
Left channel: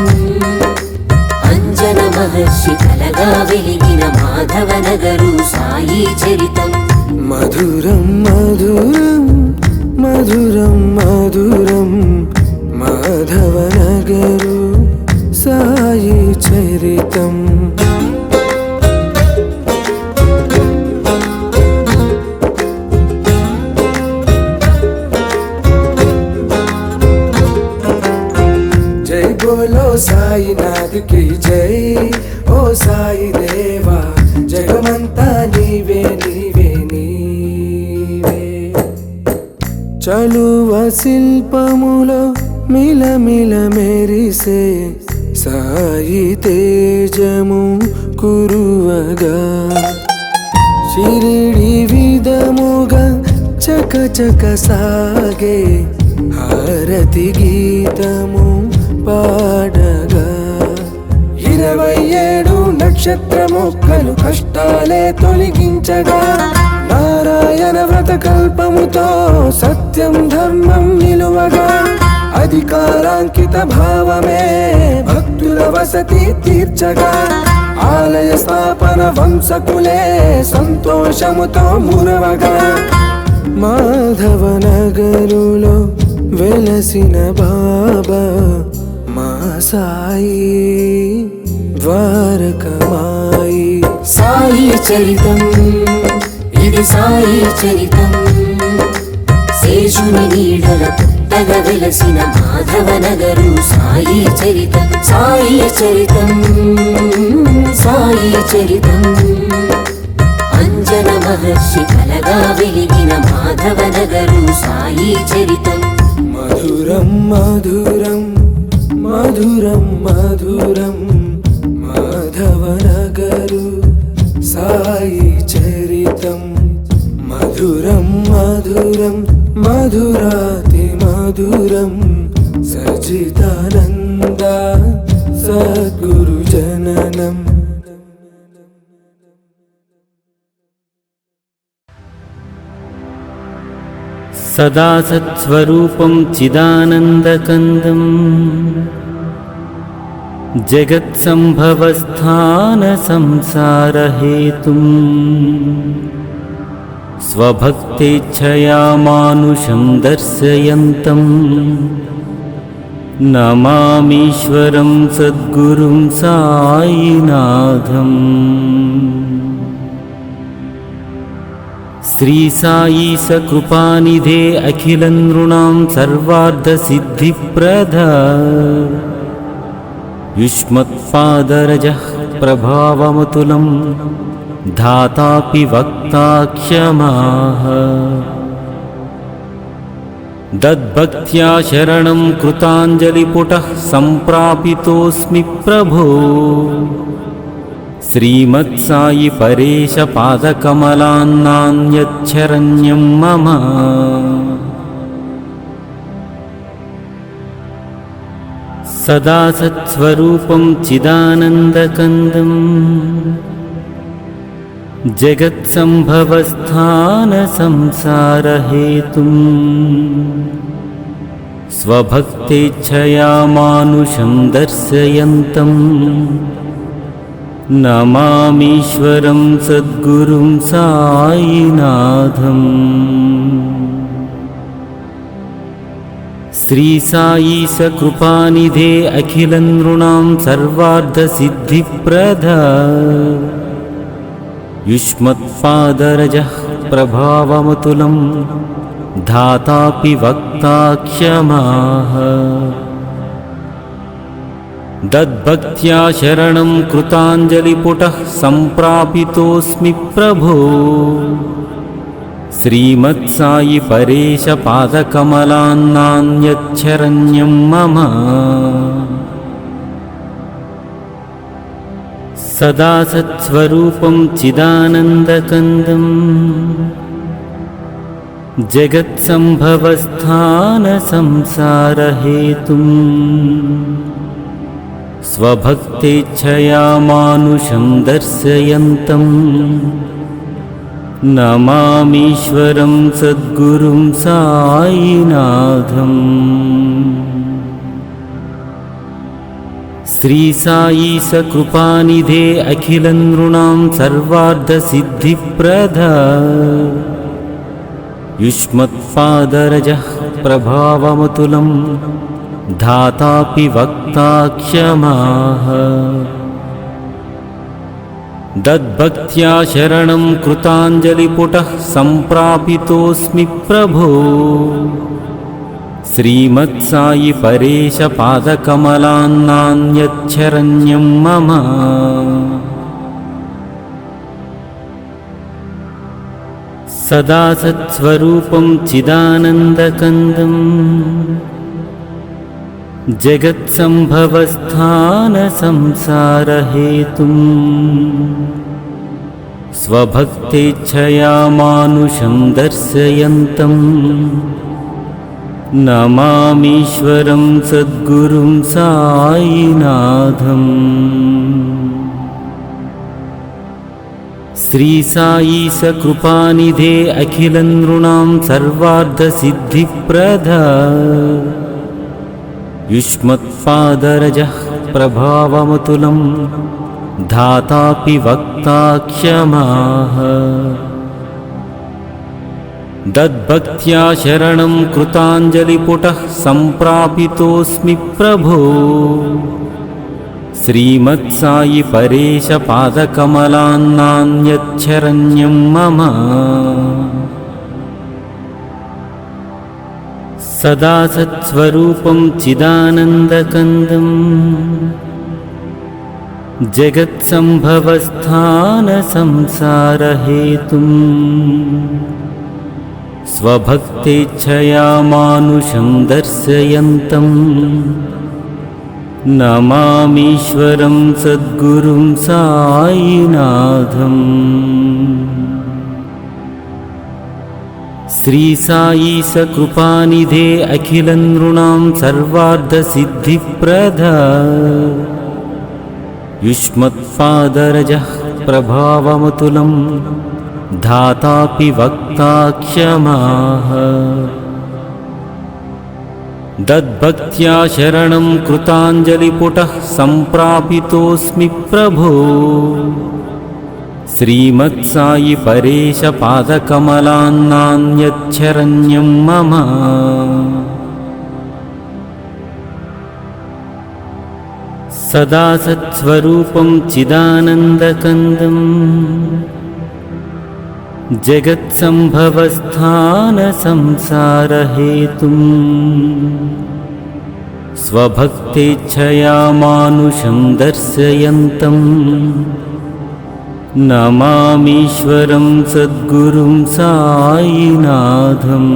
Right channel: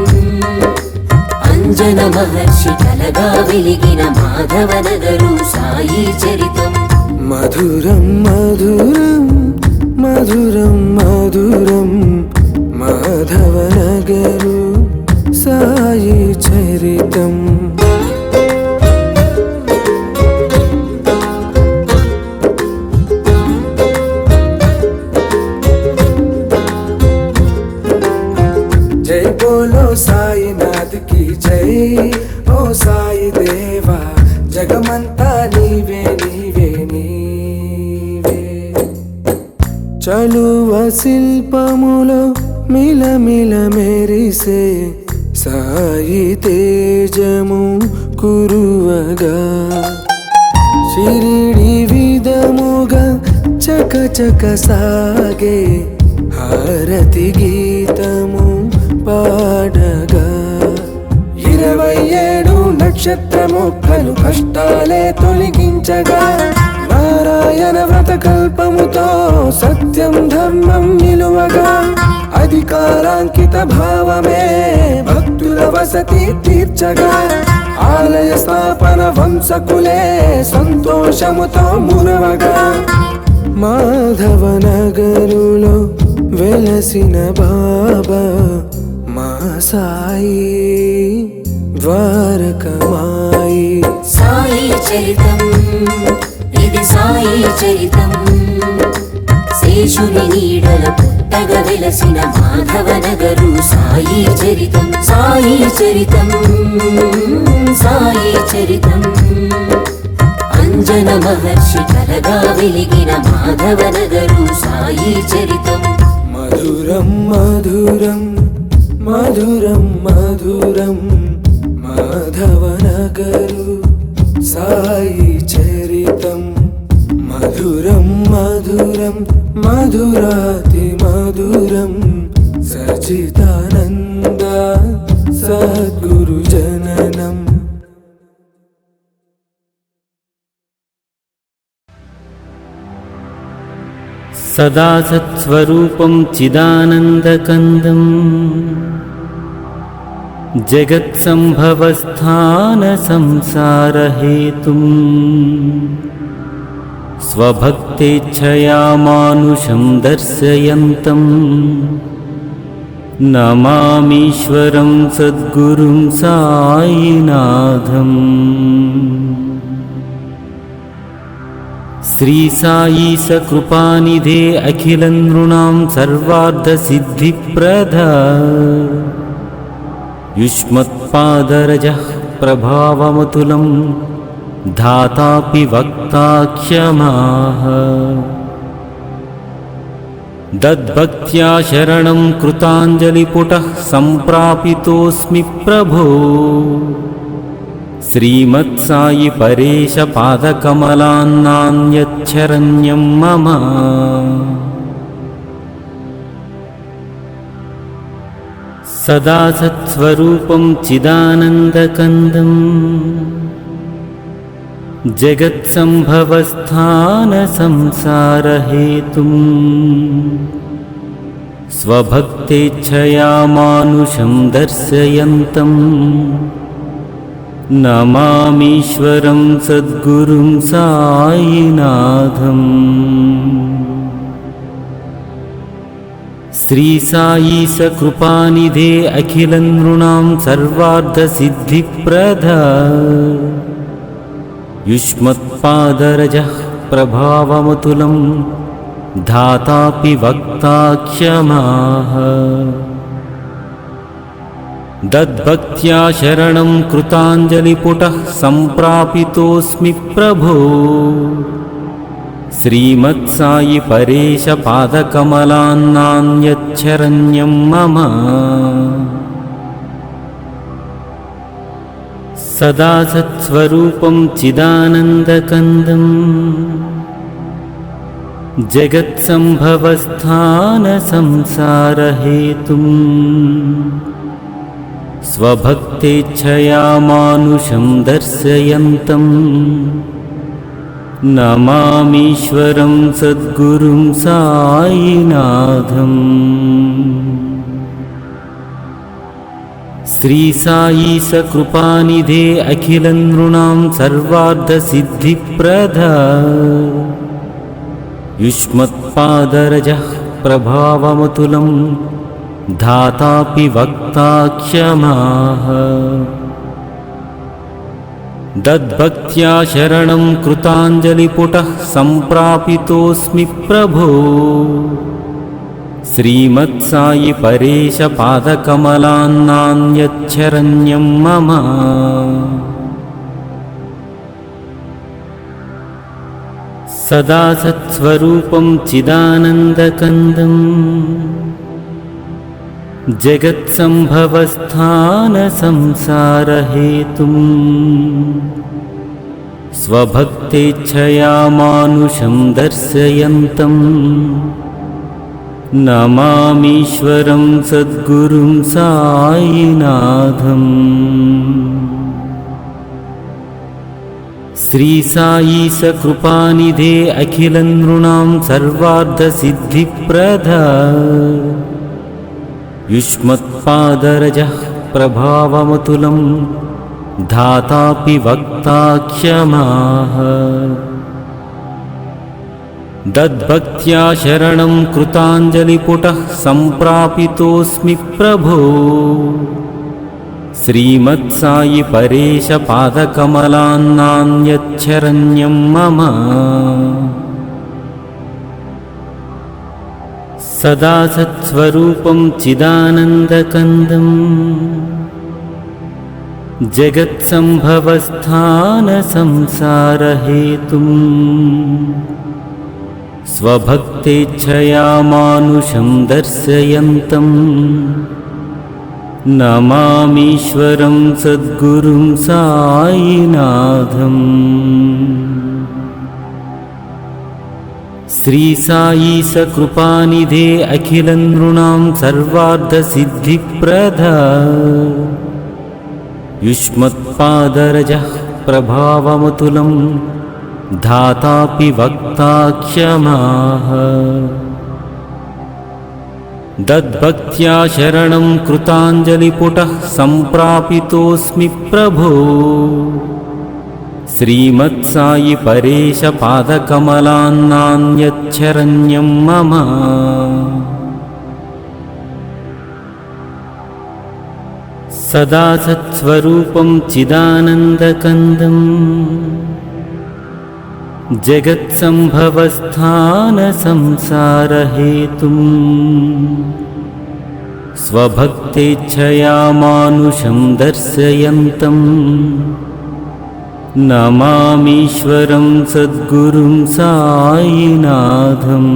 అంజన మహర్షి కలగా వెలిగిన మాధవనగరు సాయి చరితం మధురం మధురం మధురం మధురం మాధవనగరు సాయి చరితం జై బోలో సాయినాథ్ కి జై ఓ సాయి దేవా జగమంతా నీవే నీవే నీవే చలువ శిల్పములో మిలమిల మెరిసే సాయి తేజము కురువగా షిరిడి విధముగా చక చక సాగే హారతి గీతము పాడగా 27 నక్షత్ర మొక్కలు కష్టాలే తొలగించగా నారాయణ వ్రత కల్పముతో సత్యం ధర్మం నిలువగా అధికారాంకిత భావమే భక్తుల వసతి తీర్చగా ఆలయ స్థాపన వంశకులే సంతోషముతో మురవగా మాధవనగరులో వెలసిన బాబా మా సాయి ద్వారకమాయి సాయి చరితం ఇది సాయి చరితం శేషుని నీడల పుట్టగ వెలసిన మాధవనగరు సాయి చరితం సాయి చరితం సాయి చరితం అంజన మహర్షి కలగా వెలిగిన మాధవనగరు సాయి చరితం మధురం మధురం మధురం మధురం మాధవనగరు సాయి చరితం మధురం మధురం మధురాతి మధురం సచిదానంద సద్గురు జననం సదా సత్స్వరూపం చిదానందకందం జగత్సంభవస్థాన సంసారహేతుం స్వభక్తేచ్ఛయా మానుషం దర్శయంతం నమామీశ్వరం సద్గురుం సాయినాథం శ్రీ సాయి సకృపానిధే అఖిలం నృణాం సర్వార్థ సిద్ధిప్రద యుష్మత్పాదరజః ప్రభావమతులం ధాతాపి వక్తా క్షమాః దద్భక్త్యా శరణం కృతాంజలిపుటః సంప్రాపితోస్మి ప్రభో శ్రీమత్సాయి పరేశ పాదకమలాన్నాన్యచ్చరణ్యం మమ సదా సత్స్వరూపం చిదానందకందం జగత్సంభవస్థాన సంసారహేతుం స్వభక్తేచ్ఛయా మానుషం దర్శయంతం నమామీశ్వరం సద్గురుం సాయినాథం. శ్రీ సాయి సకృపానిధే అఖిల నృణాం సర్వార్థ సిద్ధిప్రద యుష్మత్పాదరజః ప్రభావమతులం ధాతాపి వక్తా క్షమాః. దద్భక్త్యా శరణం కృతాంజలిపుటః సంప్రాపితోస్మి ప్రభో. శ్రీమత్సాయి పరేశ పాదకమలాన్నాన్యచ్చరణ్యం మమ. సదా సత్స్వరూపం చిదానందకందం జగత్సంభవస్థాన సంసారహేతుం స్వభక్తేచ్ఛయా మానుషం దర్శయంతం నమామీశ్వరం సద్గురుం సాయినాథం. శ్రీ సాయి సకృపానిధే అఖిల నృణాం సర్వార్థ సిద్ధిప్రద యుష్మత్పాదరజః ప్రభావమతులం ధాతాపి వక్తా క్షమాః. దద్భక్త్యా శరణం కృతాంజలిపుటః సంప్రాపితోస్మి ప్రభో. శ్రీమత్సాయి పరేశ పాదకమలాన్నాన్యచ్చరణ్యం మమ. సదా సత్స్వరూపం చిదానందకందం జగత్సంభవస్థాన సంసారహేతుం స్వభక్తేచ్ఛయా మానుషం దర్శయంతం నమామీశ్వరం సద్గురుం సాయినాథం. శ్రీ సాయి సకృపానిధే అఖిల నృణాం సర్వార్థ సిద్ధిప్రద యుష్మత్పాదరజః ప్రభావమతులం ధాతాపి వక్తా క్షమాః. దద్భక్త్యా శరణం కృతాంజలిపుటః సంప్రాపితోస్మి ప్రభో. శ్రీమత్సాయి పరేశ పాదకమలాన్నాన్యచ్చరణ్యం మమ. సదా సత్స్వరూపం చిదానందకందం జగత్సంభవస్థాన సంసారహేతుం స్వభక్తేచ్ఛయా మానుషం దర్శయంతం నమామీశ్వరం సద్గురుం సాయినాథం. శ్రీ సాయి సకృపానిధే అఖిల నృణాం సర్వార్థ సిద్ధిప్రద యుష్మత్పాదరజః ప్రభావమతులం ధాతాపి వక్తా క్షమాః. దద్భక్త్యా శరణం కృతాంజలిపుటః సంప్రాపితోస్మి ప్రభో. శ్రీమత్సాయి పరేశ పాదకమలాన్నాన్యచ్చరణ్యం మమ. సదా సత్స్వరూపం చిదానందకందం జగత్సంభవస్థాన సంసారహేతుం స్వభక్తేచ్ఛయా మానుషం దర్శయంతం నమామీశ్వరం సద్గురుం సాయినాథం.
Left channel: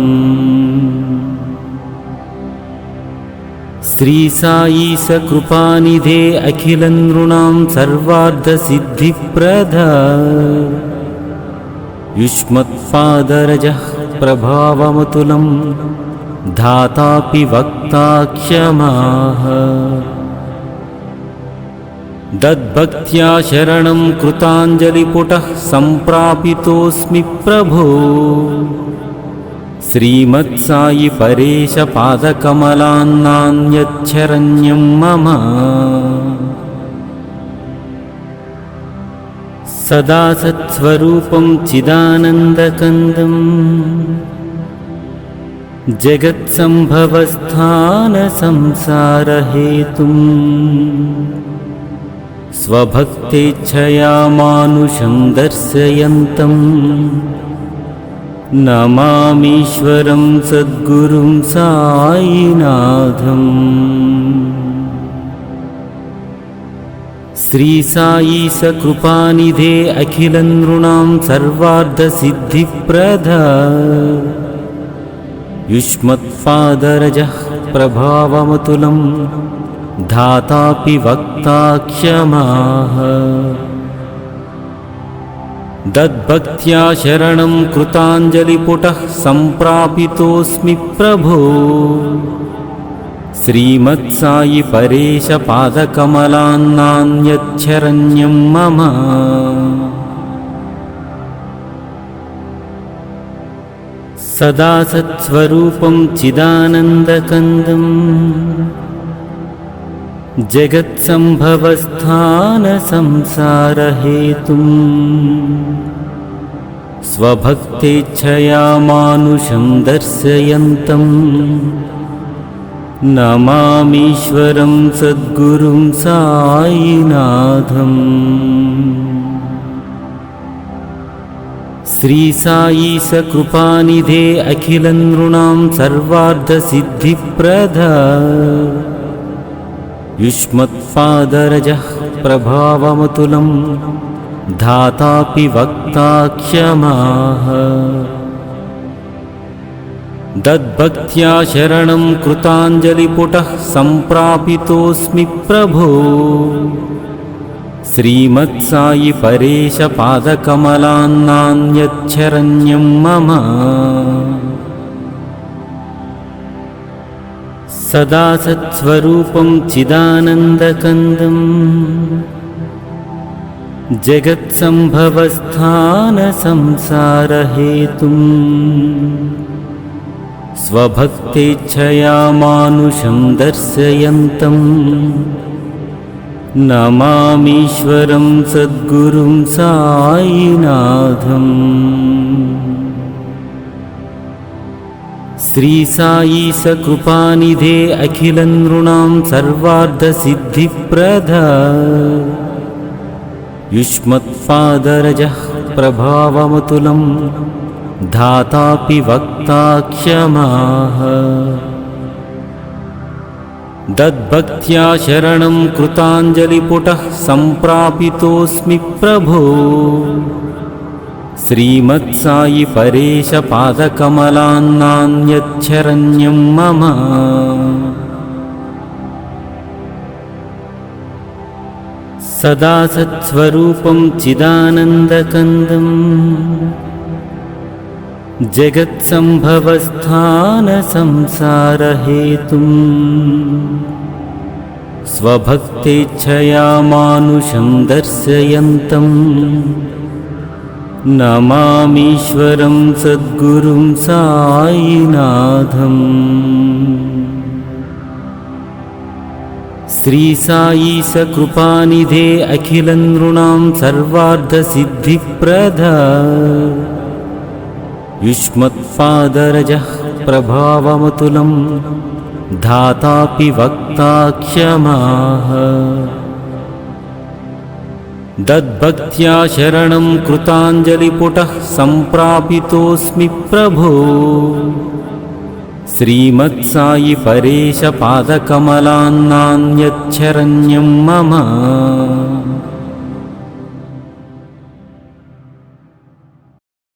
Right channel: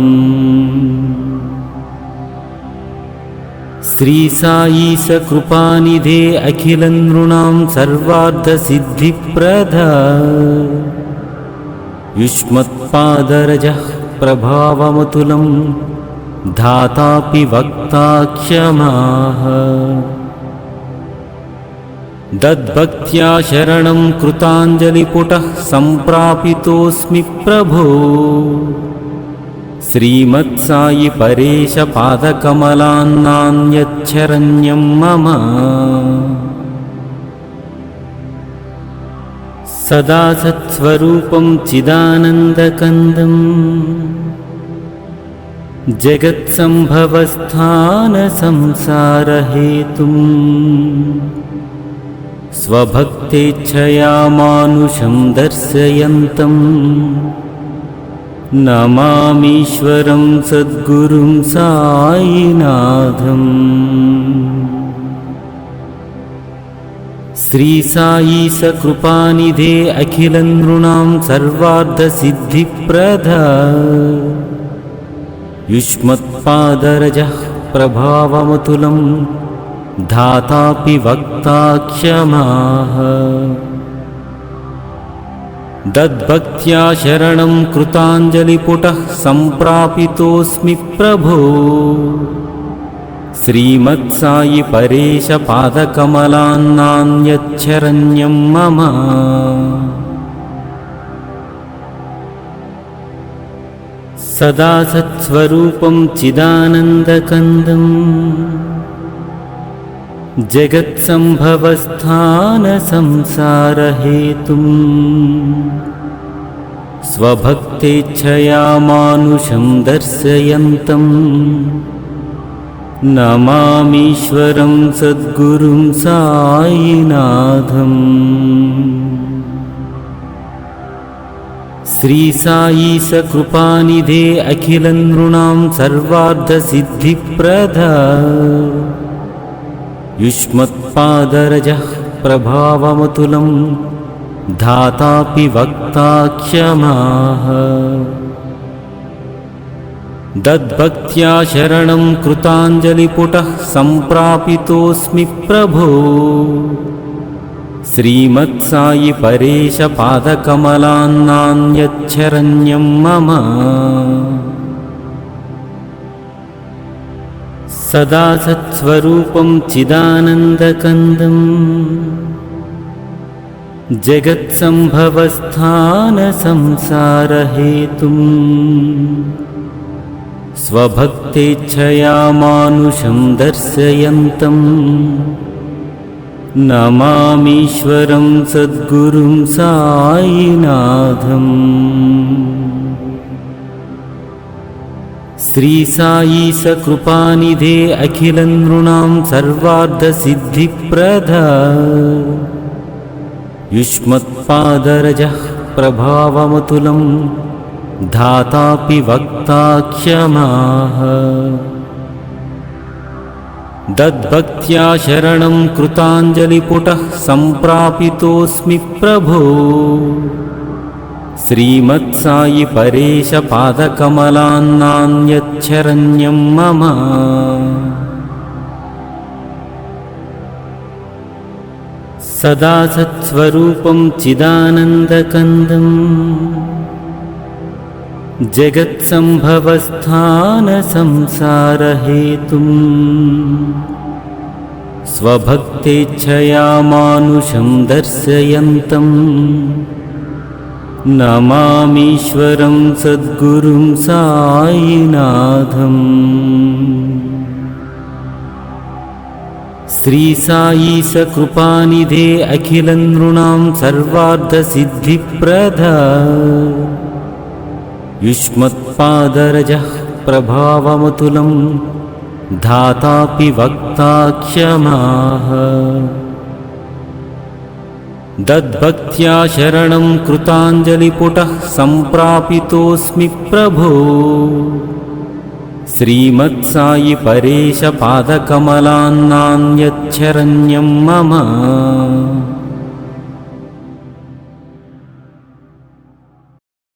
శ్రీ సాయి సకృపానిధే అఖిల నృణాం సర్వార్థ సిద్ధిప్రద యుష్మత్పాదరజః ప్రభావమతులం ధాతాపి వక్తా క్షమాః. దద్భక్త్యా శరణం కృతాంజలిపుటః సంప్రాపితోస్మి ప్రభో. శ్రీమత్సాయి పరేశ పాదకమలాన్నాన్యచ్చరణ్యం మమ. सदा सत्स्वरूपं चिदानन्दकन्दम् जगत्सम्भवस्थानसंसारहेतुम् स्वभक्तेच्छया मानुषं दर्शयन्तम् नमामीश्वरं सद्गुरुं साईनाथम्। श्री साई सकृपानिधे अखिलनृणां सर्वार्थसिद्धिप्रदा युष्मत्पादरजः प्रभावमतुलं धातापि वक्ता क्षमाः। दद्भक्त्या शरणं कृताञ्जलिपुटः सम्प्रापितोऽस्मि प्रभो। श्रीमत्साई परेश पादकमलान्नान्यच्छरण्यं मम। सदा सत्स्वरूपं चिदानन्दकन्दम् जगत्सम्भवस्थानसंसारहेतुम् स्वभक्तेच्छया मानुषं दर्शयन्तम् नमामीश्वरं सद्गुरुं साईनाथम्। श्री साई सकृपानिधे अखिलनृणां सर्वार्थसिद्धिप्रदा युष्मत्पादरजः प्रभावमतुलं धातापि वक्ता क्षमाः। दद्भक्त्या शरणं कृताञ्जलिपुटः सम्प्रापितोऽस्मि प्रभो। श्रीमत्साई परेश पादकमलान्नान्यच्छरण्यं मम। सदा सत्स्वरूपं चिदानन्दकन्दम् जगत्सम्भवस्थानसंसारहेतुम् स्वभक्तेच्छया मानुषं दर्शयन्तम् नमामीश्वरं सद्गुरुं साईनाथम्। श्री साई सकृपानिधे अखिलनृणां सर्वार्थसिद्धिप्रदा युष्मत्पादरजः प्रभावमतुलं धातापि वक्ता क्षमाः। दद्भक्त्या शरणं कृताञ्जलिपुटः सम्प्रापितोऽस्मि प्रभो। श्रीमत्साई परेश पादकमलान्नान्यच्छरण्यं मम। सदा सत्स्वरूपं चिदानन्दकन्दम् जगत्सम्भवस्थानसंसारहेतुम् स्वभक्तेच्छया मानुषं दर्शयन्तम् नमामीश्वरं सद्गुरुं साईनाथम्। श्री साई सकृपानिधे अखिलनृणां सर्वार्थसिद्धिप्रदा युष्मत्पादरजः प्रभावमतुलं धातापि वक्ता क्षमाः। दद्भक्त्या शरणं कृताञ्जलिपुटः सम्प्रापितोऽस्मि प्रभो। श्रीमत्साई परेश पादकमलान्नान्यच्छरण्यं मम।